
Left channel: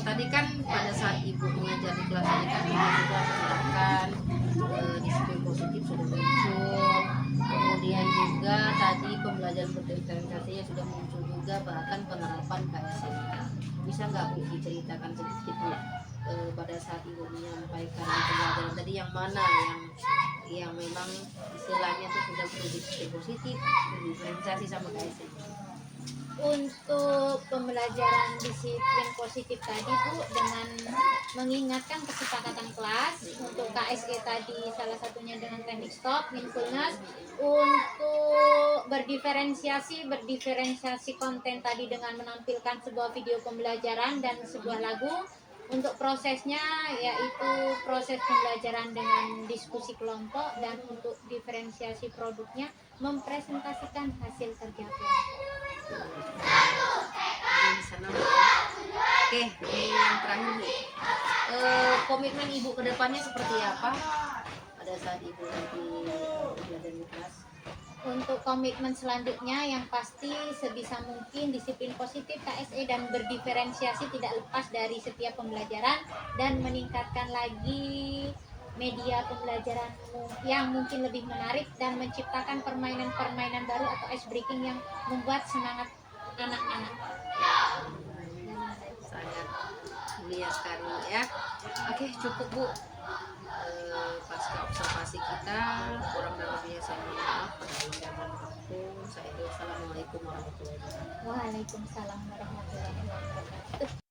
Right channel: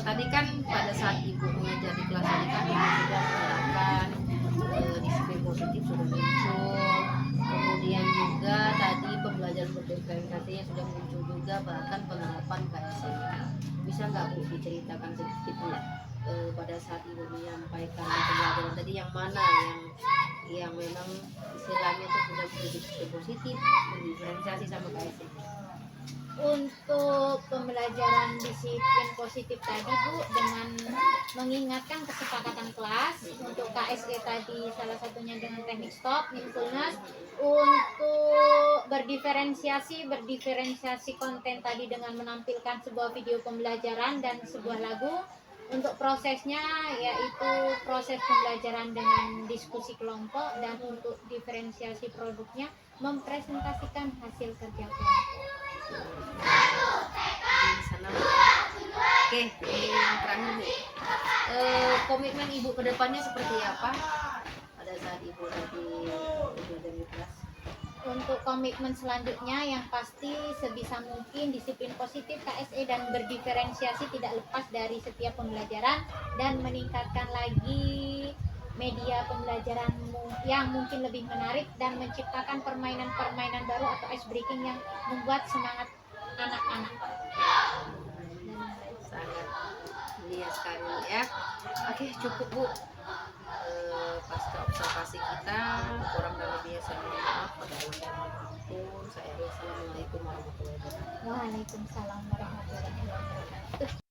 Tadi kan pada saat Ibu mengajar di kelas ini kan Ibu sudah menerapkan disiplin positif sudah muncul, kemudian juga tadi pembelajaran berdifferensiasinya sudah muncul juga, bahkan penerapan KSM. Bisa nggak Bu diceritakan sedikit Bu pada saat Ibu menyampaikan pembelajaran tadi yang mana yang memang istilahnya itu sudah berdiskusi positif, berdifferensiasi sama KSM? Untuk pembelajaran disiplin positif tadi Bu, dengan mengingatkan kesepakatan kelas untuk KSE tadi salah satunya dengan teknik stop, mindfulness, untuk berdiferensiasi konten tadi dengan menampilkan sebuah video pembelajaran dan sebuah lagu. Untuk prosesnya yaitu proses pembelajaran dengan diskusi kelompok, dan untuk diferensiasi produknya mempresentasikan hasil kerja kelompok. Di sana Bu. Oke, ini yang terakhir Bu. Komitmen Ibu ke depannya seperti apa pada saat Ibu nanti belajar di kelas? Untuk komitmen selanjutnya yang pasti sebisa mungkin disiplin positif KSE dan berdiferensiasi tidak lepas dari setiap pembelajaran, dan meningkatkan lagi media pembelajaran yang mungkin lebih menarik dan menciptakan permainan-permainan baru atau ice breaking yang membuat semangat anak-anak. Sangat mulia sekali ya. Oke, cukup Bu. Pasca observasi kita, kurang dan lebihnya saya mohon maaf. Pada Allah yang mohon ampun. Saya Assalamualaikum warahmatullahi wabarakatuh. Waalaikumsalam warahmatullahi wabarakatuh.